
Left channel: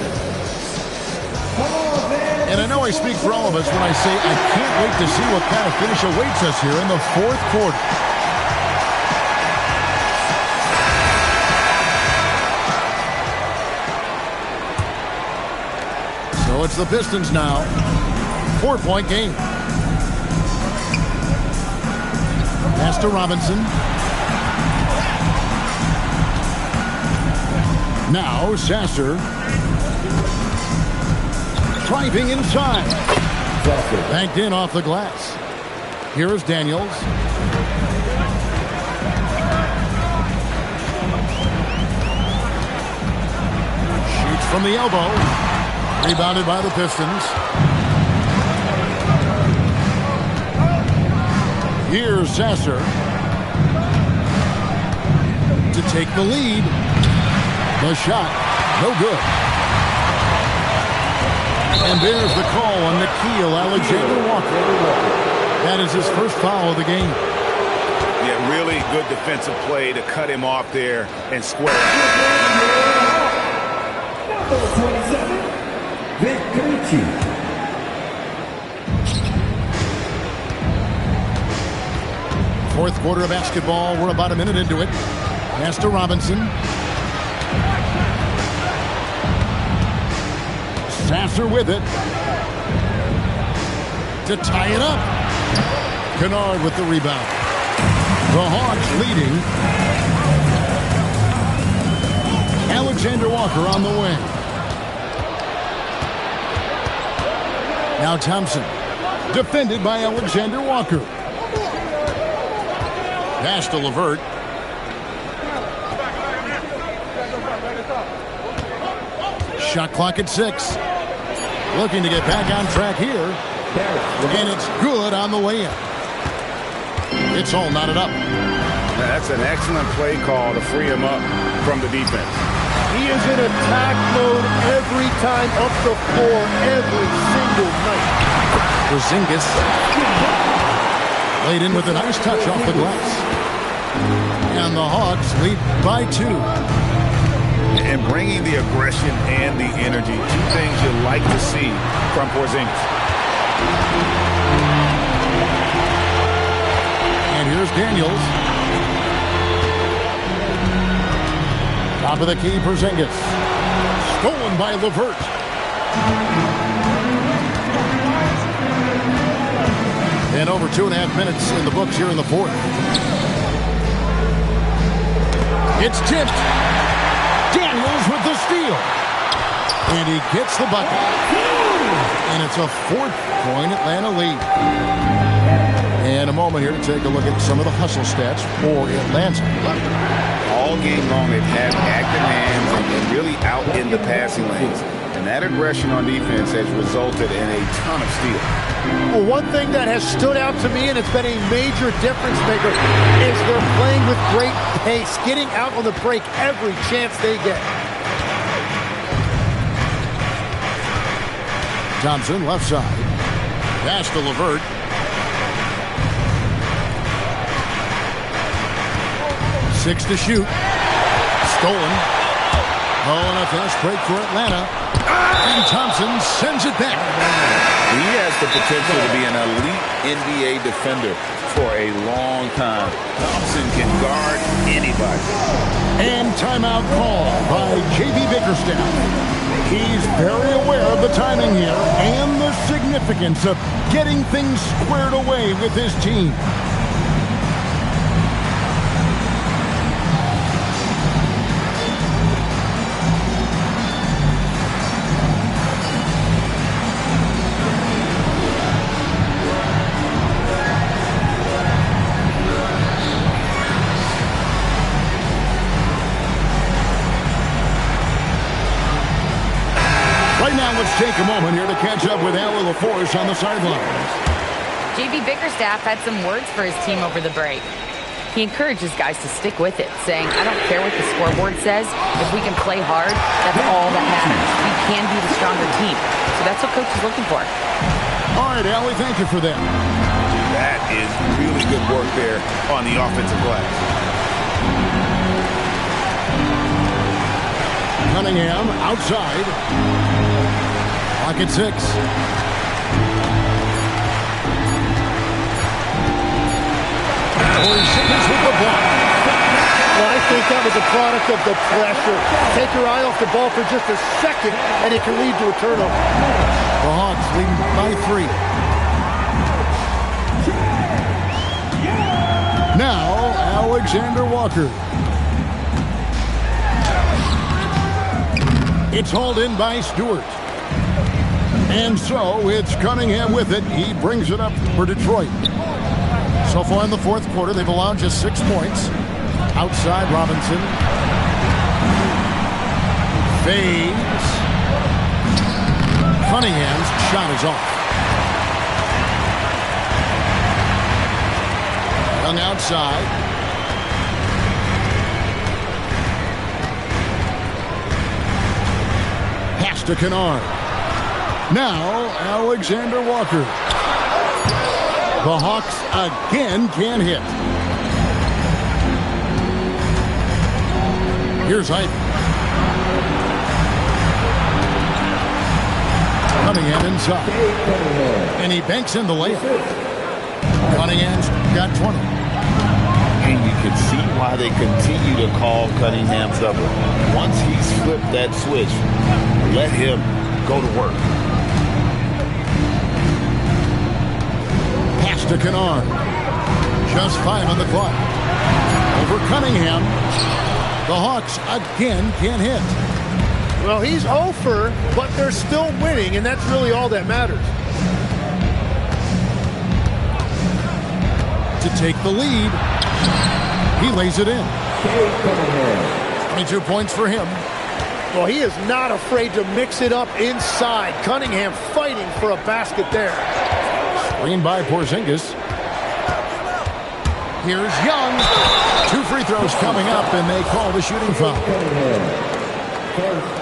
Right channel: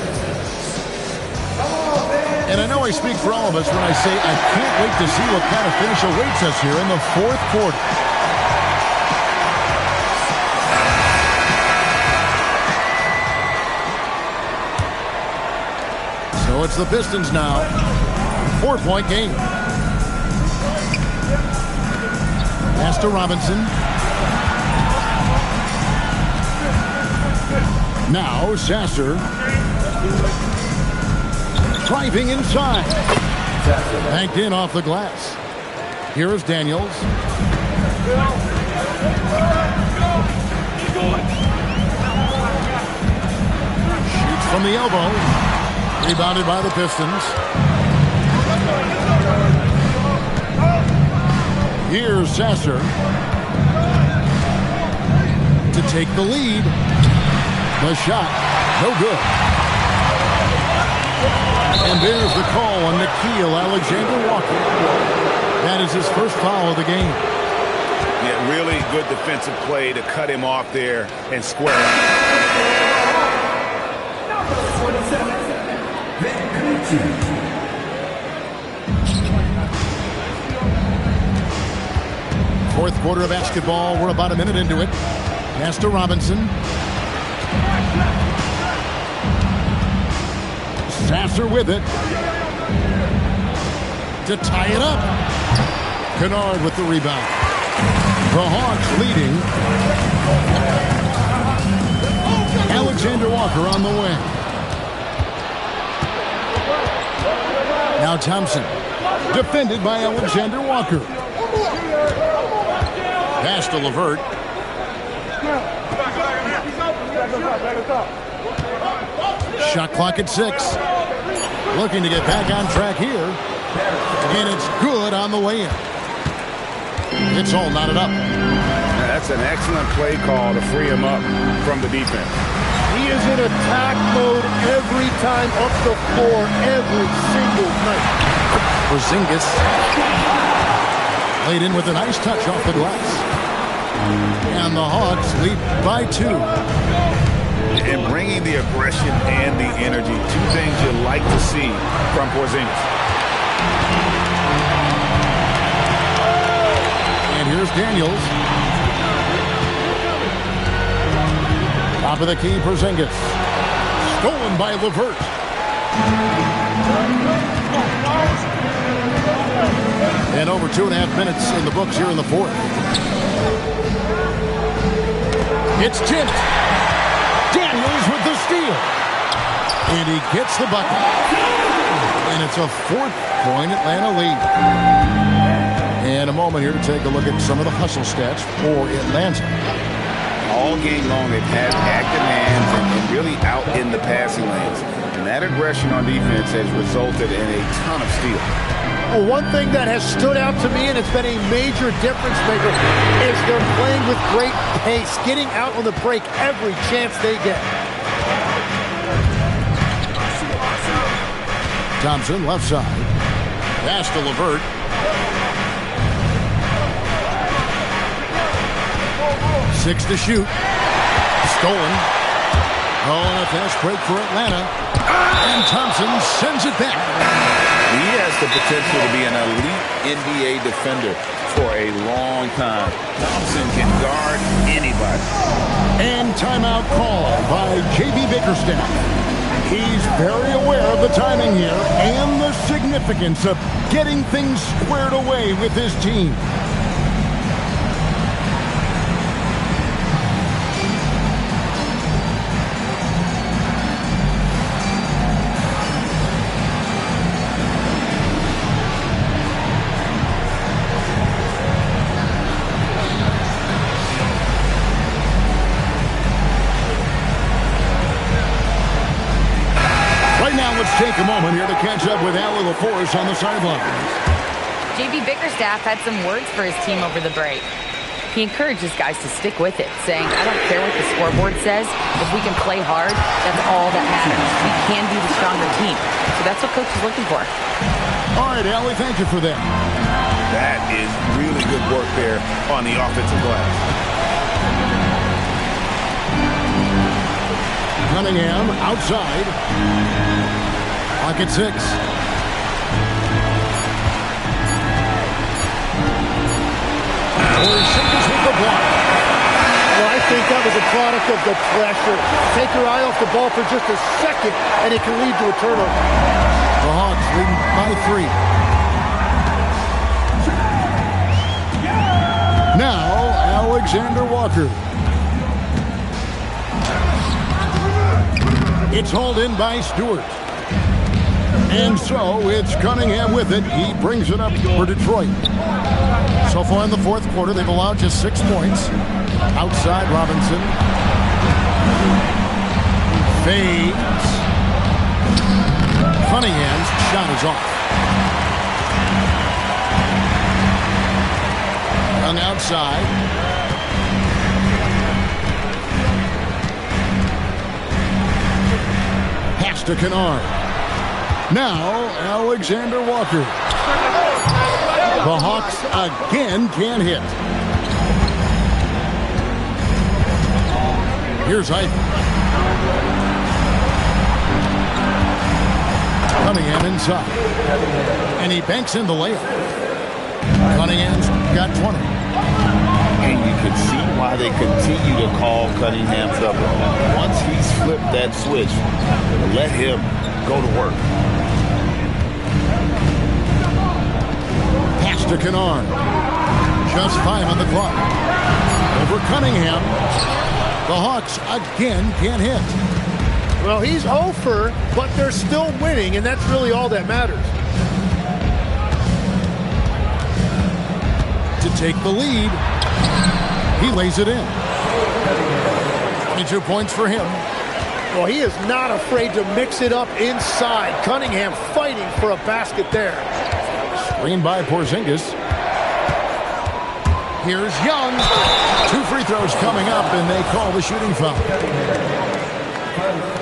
And I know I speak for all of us when I say I can't wait to see what kind of finish awaits us here in the 4th quarter. So it's the Pistons now. 4-point game. Pass to Robinson. Now Sasser. Driving inside. Banked in off the glass. Here is Daniels. Shoots from the elbow. Rebounded by the Pistons. Here's Sasser to take the lead. The shot, no good. And there's the call on Nickeil Alexander-Walker. That is his first foul of the game. Yeah, really good defensive play to cut him off there and square up. Fourth quarter of basketball. We're about a minute into it. Pass to Robinson. Sasser with it. To tie it up. Kennard with the rebound. The Hawks leading. Alexander Walker on the wing. Now Thompson. Defended by Alexander Walker. Pass to LeVert. Shot clock at 6. Looking to get back on track here. And it's good on the way in. It's all knotted up. That's an excellent play call to free him up from the defense. He is in attack mode every time up the floor, every single night. Porzingis laid in with a nice touch off the glass. And the Hawks lead by 2. And bringing the aggression and the energy, 2 things you like to see from Porzingis. And here's Daniels. Top of the key, Porzingis. Stolen by LeVert. And over 2.5 minutes in the books here in the 4th. It's tipped. Daniels with the steal. And he gets the bucket. And it's a 4-point Atlanta lead. And a moment here to take a look at some of the hustle stats for Atlanta. All game long, they've had active hands and really out in the passing lanes. And that aggression on defense has resulted in a ton of steals. Well, one thing that has stood out to me, and it's been a major difference maker, is they're playing with great pace, getting out on the break every chance they get. Thompson, left side. Pass to LeVert. Six to shoot. Stolen. Oh, and a fast break for Atlanta. And Thompson sends it back. He has the potential to be an elite NBA defender for a long time. Thompson can guard anybody. And timeout call by J.B. Bickerstaff. He's very aware of the timing here and the significance of getting things squared away with his team. now let's take a moment here to catch up with Allie LaForce on the sidelines. JB Bickerstaff had some words for his team over the break. He encourages guys to stick with it, saying, I don't care what the scoreboard says. If we can play hard, that's all that matters. We can be the stronger team. So that's what Coach is looking for. All right, Allie, thank you for that. That is really good work there on the offensive glass. Cunningham outside. Clock at 6. Porzingis with the block. Well, I think that was a product of the pressure. Take your eye off the ball for just a second, and it can lead to a turnover. The Hawks leading by 3. Now, Alexander Walker. It's hauled in by Stewart. And so it's Cunningham with it. He brings it up for Detroit. So far in the fourth quarter, they've allowed just 6 points. Outside, Robinson. Fades. Cunningham's shot is off. Young outside. Pass to Kennard. Now, Alexander Walker. The Hawks again can't hit. Here's Ike. Cunningham inside. And he banks in the layup. Cunningham's got 20. And you can see why they continue to call Cunningham double. Once he's flipped that switch, let him go to work. Pass to Kennard. Just 5 on the clock. Over Cunningham. The Hawks again can't hit. Well, he's over, but they're still winning, and that's really all that matters. To take the lead. He lays it in. 22 points for him. Well, he is not afraid to mix it up inside. Cunningham fighting for a basket there. Screen by Porzingis. Here's Young. 2 free throws coming up, and they call the shooting foul.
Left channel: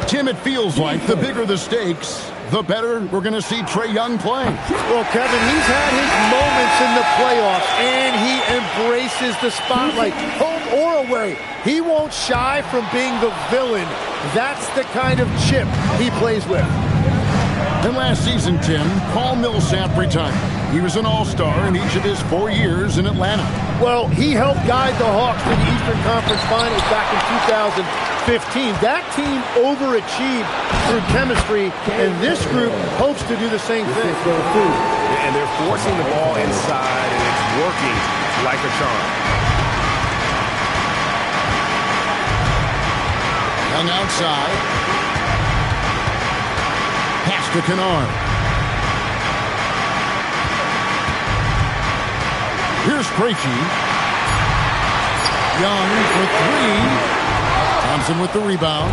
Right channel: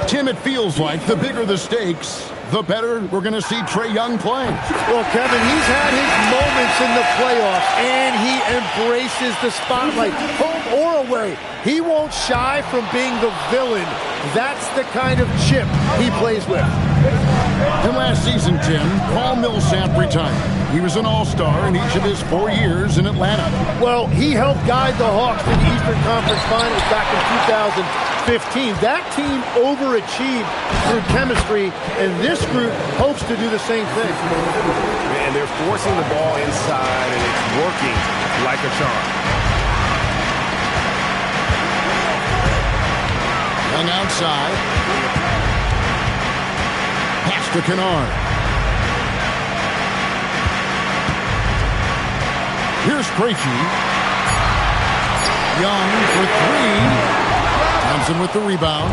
Tim, it feels like the bigger the stakes, the better we're going to see Trae Young play. Well, Kevin, he's had his moments in the playoffs, and he embraces the spotlight, home or away. He won't shy from being the villain. That's the kind of chip he plays with. And last season, Tim, Paul Millsap retired. He was an all-star in each of his 4 years in Atlanta. Well, he helped guide the Hawks to the Eastern Conference Finals back in 2015. That team overachieved through chemistry, and this group hopes to do the same thing. And they're forcing the ball inside, and it's working like a charm. Young outside. Pass to Kennard. Here's Krejci. Young for 3. Thompson with the rebound.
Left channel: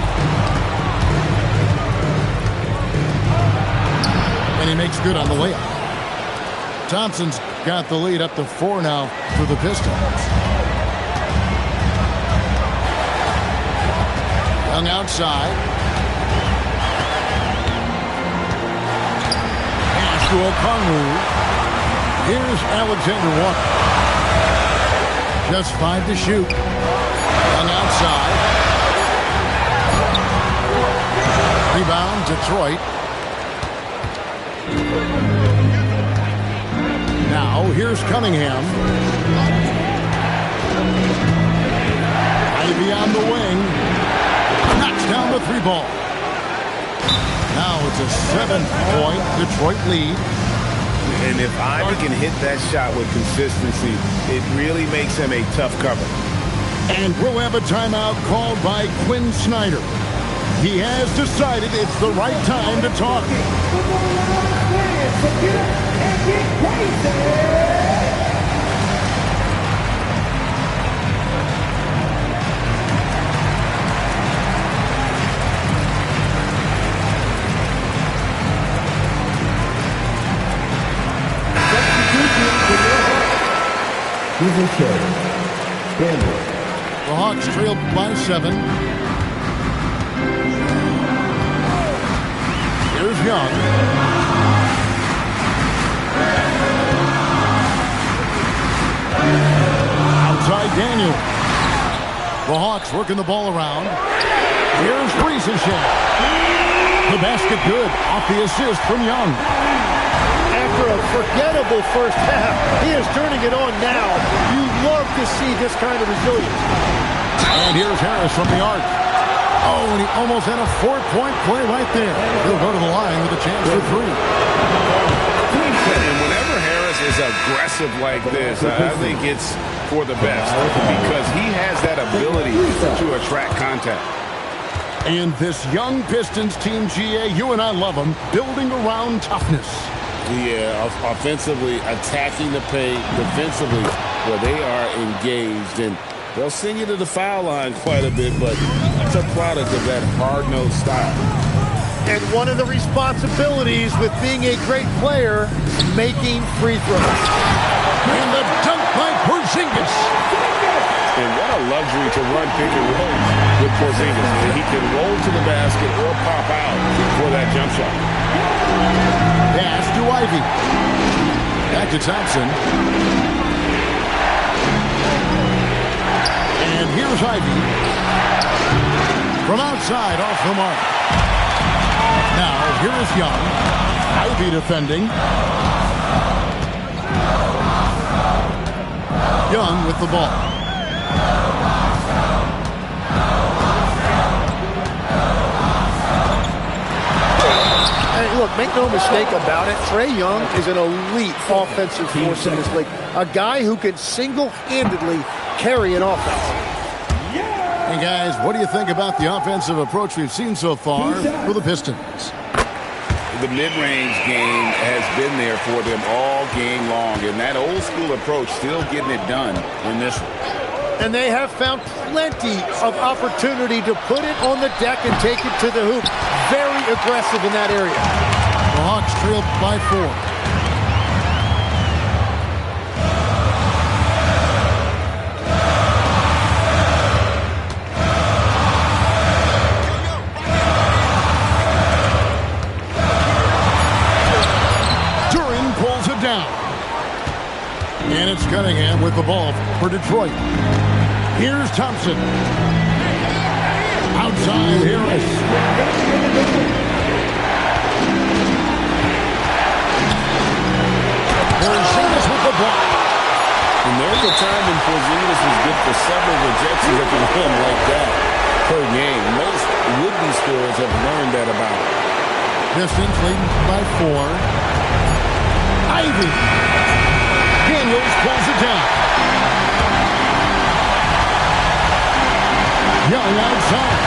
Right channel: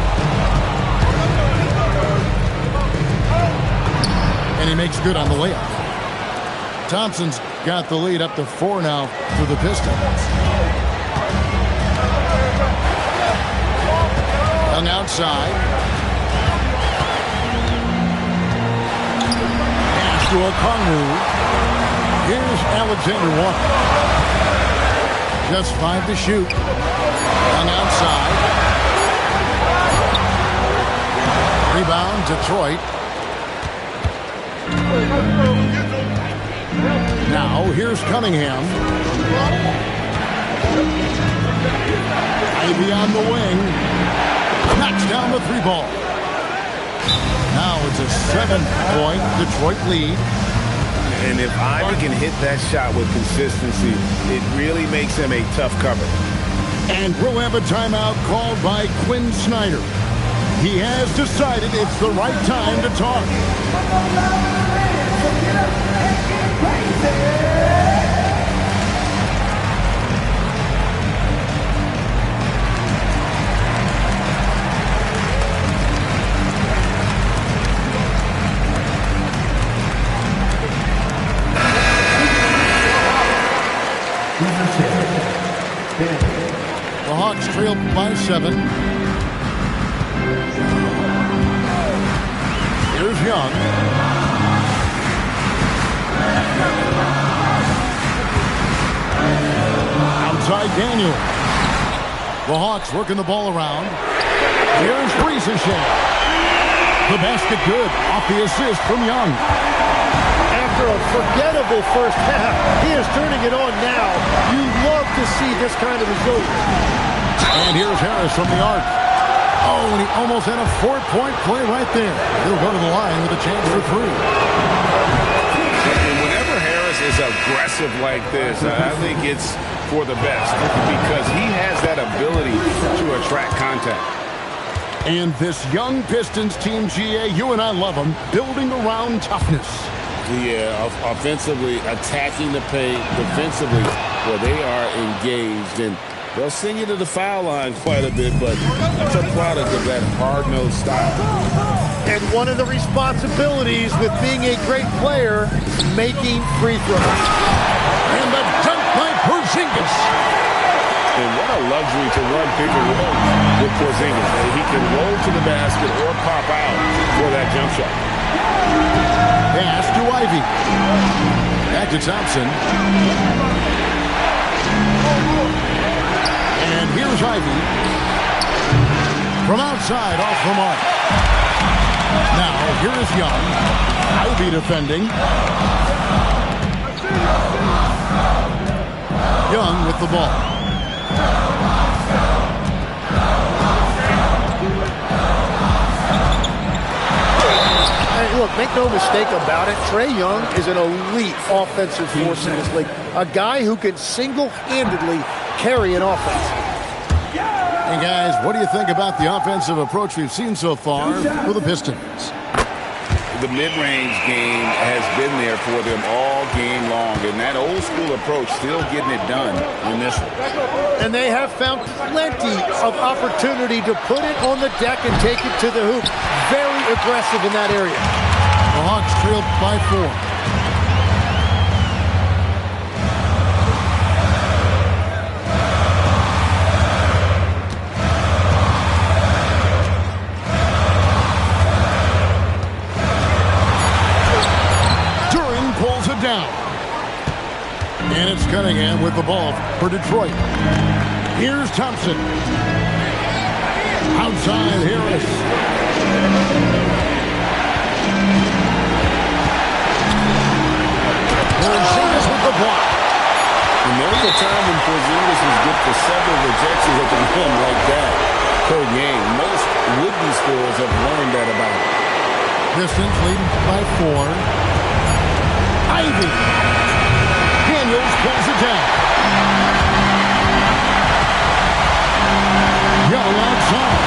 And he makes good on the layup. Thompson's got the lead up to 4 now for the Pistons. Young outside. Pass to Okongwu. Here's Alexander Walker. Just 5 to shoot. Young outside. Rebound, Detroit. Now, here's Cunningham. Ivy on the wing. Knocks down the 3 ball. Now it's a 7-point Detroit lead. And if Ivy can hit that shot with consistency, it really makes him a tough cover. And we'll have a timeout called by Quinn Snyder. He has decided it's the right time to talk. The Hawks trail by 7. Here's Young. Outside Daniel. The Hawks working the ball around. Here's Ricochet. The basket good off the assist from Young. After a forgettable first half, he is turning it on now. You love to see this kind of resilience. And here's Harris from the arc. Oh, and he almost had a 4-point play right there. He'll go to the line with a chance for 3. And whenever Harris is aggressive like this, I think it's for the best because he has that ability to attract contact. And this young Pistons team, GA, you and I love them, building around toughness. Yeah, offensively, attacking the paint, defensively, where they are engaged. And they'll send you to the foul line quite a bit, but it's a product of that hard-nosed style. And one of the responsibilities with being a great player is making free throws. And the dunk by Porzingis. And what a luxury to run pick and roll with Porzingis. He can roll to the basket or pop out for that jump shot. Pass to Ivy. Back to Thompson. And here's Ivy. From outside, off the mark. Now, here is Young. Ivy defending. Young with the ball. Hey, look, make no mistake about it. Trae Young is an elite offensive force in this league. A guy who can single-handedly carry an offense. Hey, guys, what do you think about the offensive approach we've seen so far for the Pistons? The mid-range game has been there for them all game long, and that old-school approach still getting it done in this one. And they have found plenty of opportunity to put it on the deck and take it to the hoop. Very aggressive in that area. The Hawks trailed by 4. Down. And it's Cunningham with the ball for Detroit. Here's Thompson. Outside Harris. Porzingis with the block. And there was a time when Porzingis was good for several rejections at the rim like that per game. Most would-be scorers have learned that about him. Pistons leading by 4. Ivy. Daniels pulls it down. Young outside.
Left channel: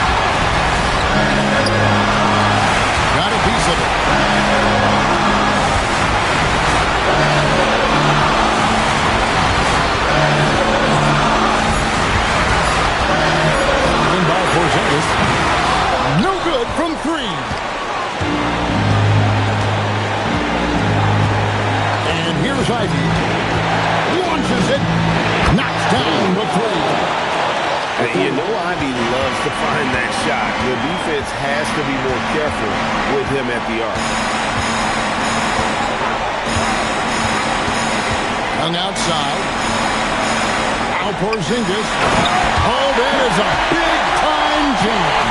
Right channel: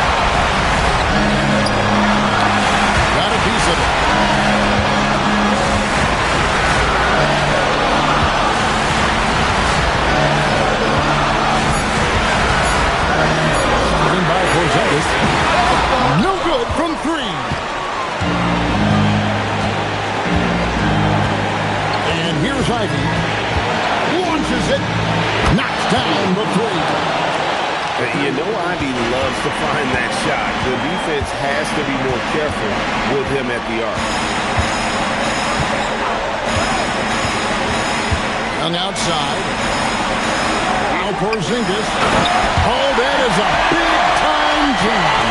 Got a piece of it. In by Porzingis. No good from 3. And here's Ivy. Launches it. Knocks down the 3. You know Ivy loves to find that shot. The defense has to be more careful with him at the arc. Young outside. Now Porzingis. Oh, that is a big-time jam.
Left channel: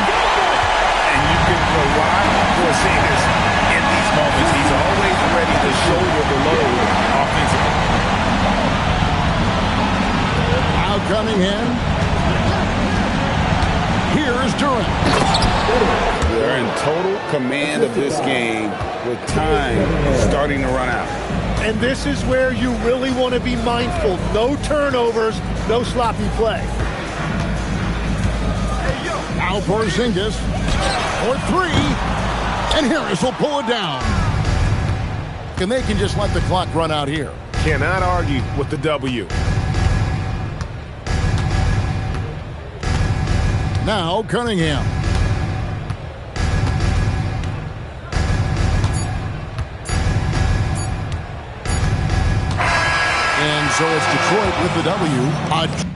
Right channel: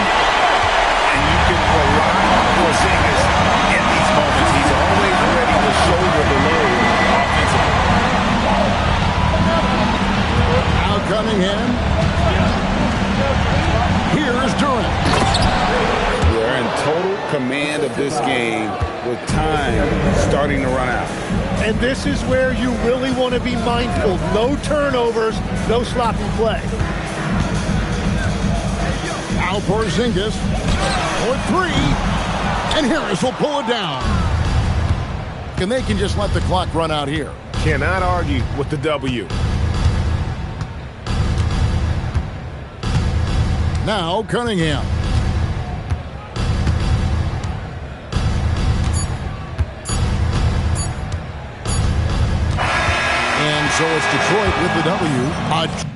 And you can rely on Porzingis in these moments. He's always ready to shoulder the load offensively. Now Cunningham. Here's Durant. They're in total command of this game with time starting to run out. And this is where you really want to be mindful. No turnovers, no sloppy play. Now Porzingis for 3. And Harris will pull it down. And they can just let the clock run out here. Cannot argue with the W. Now Cunningham. And so it's Detroit with the W.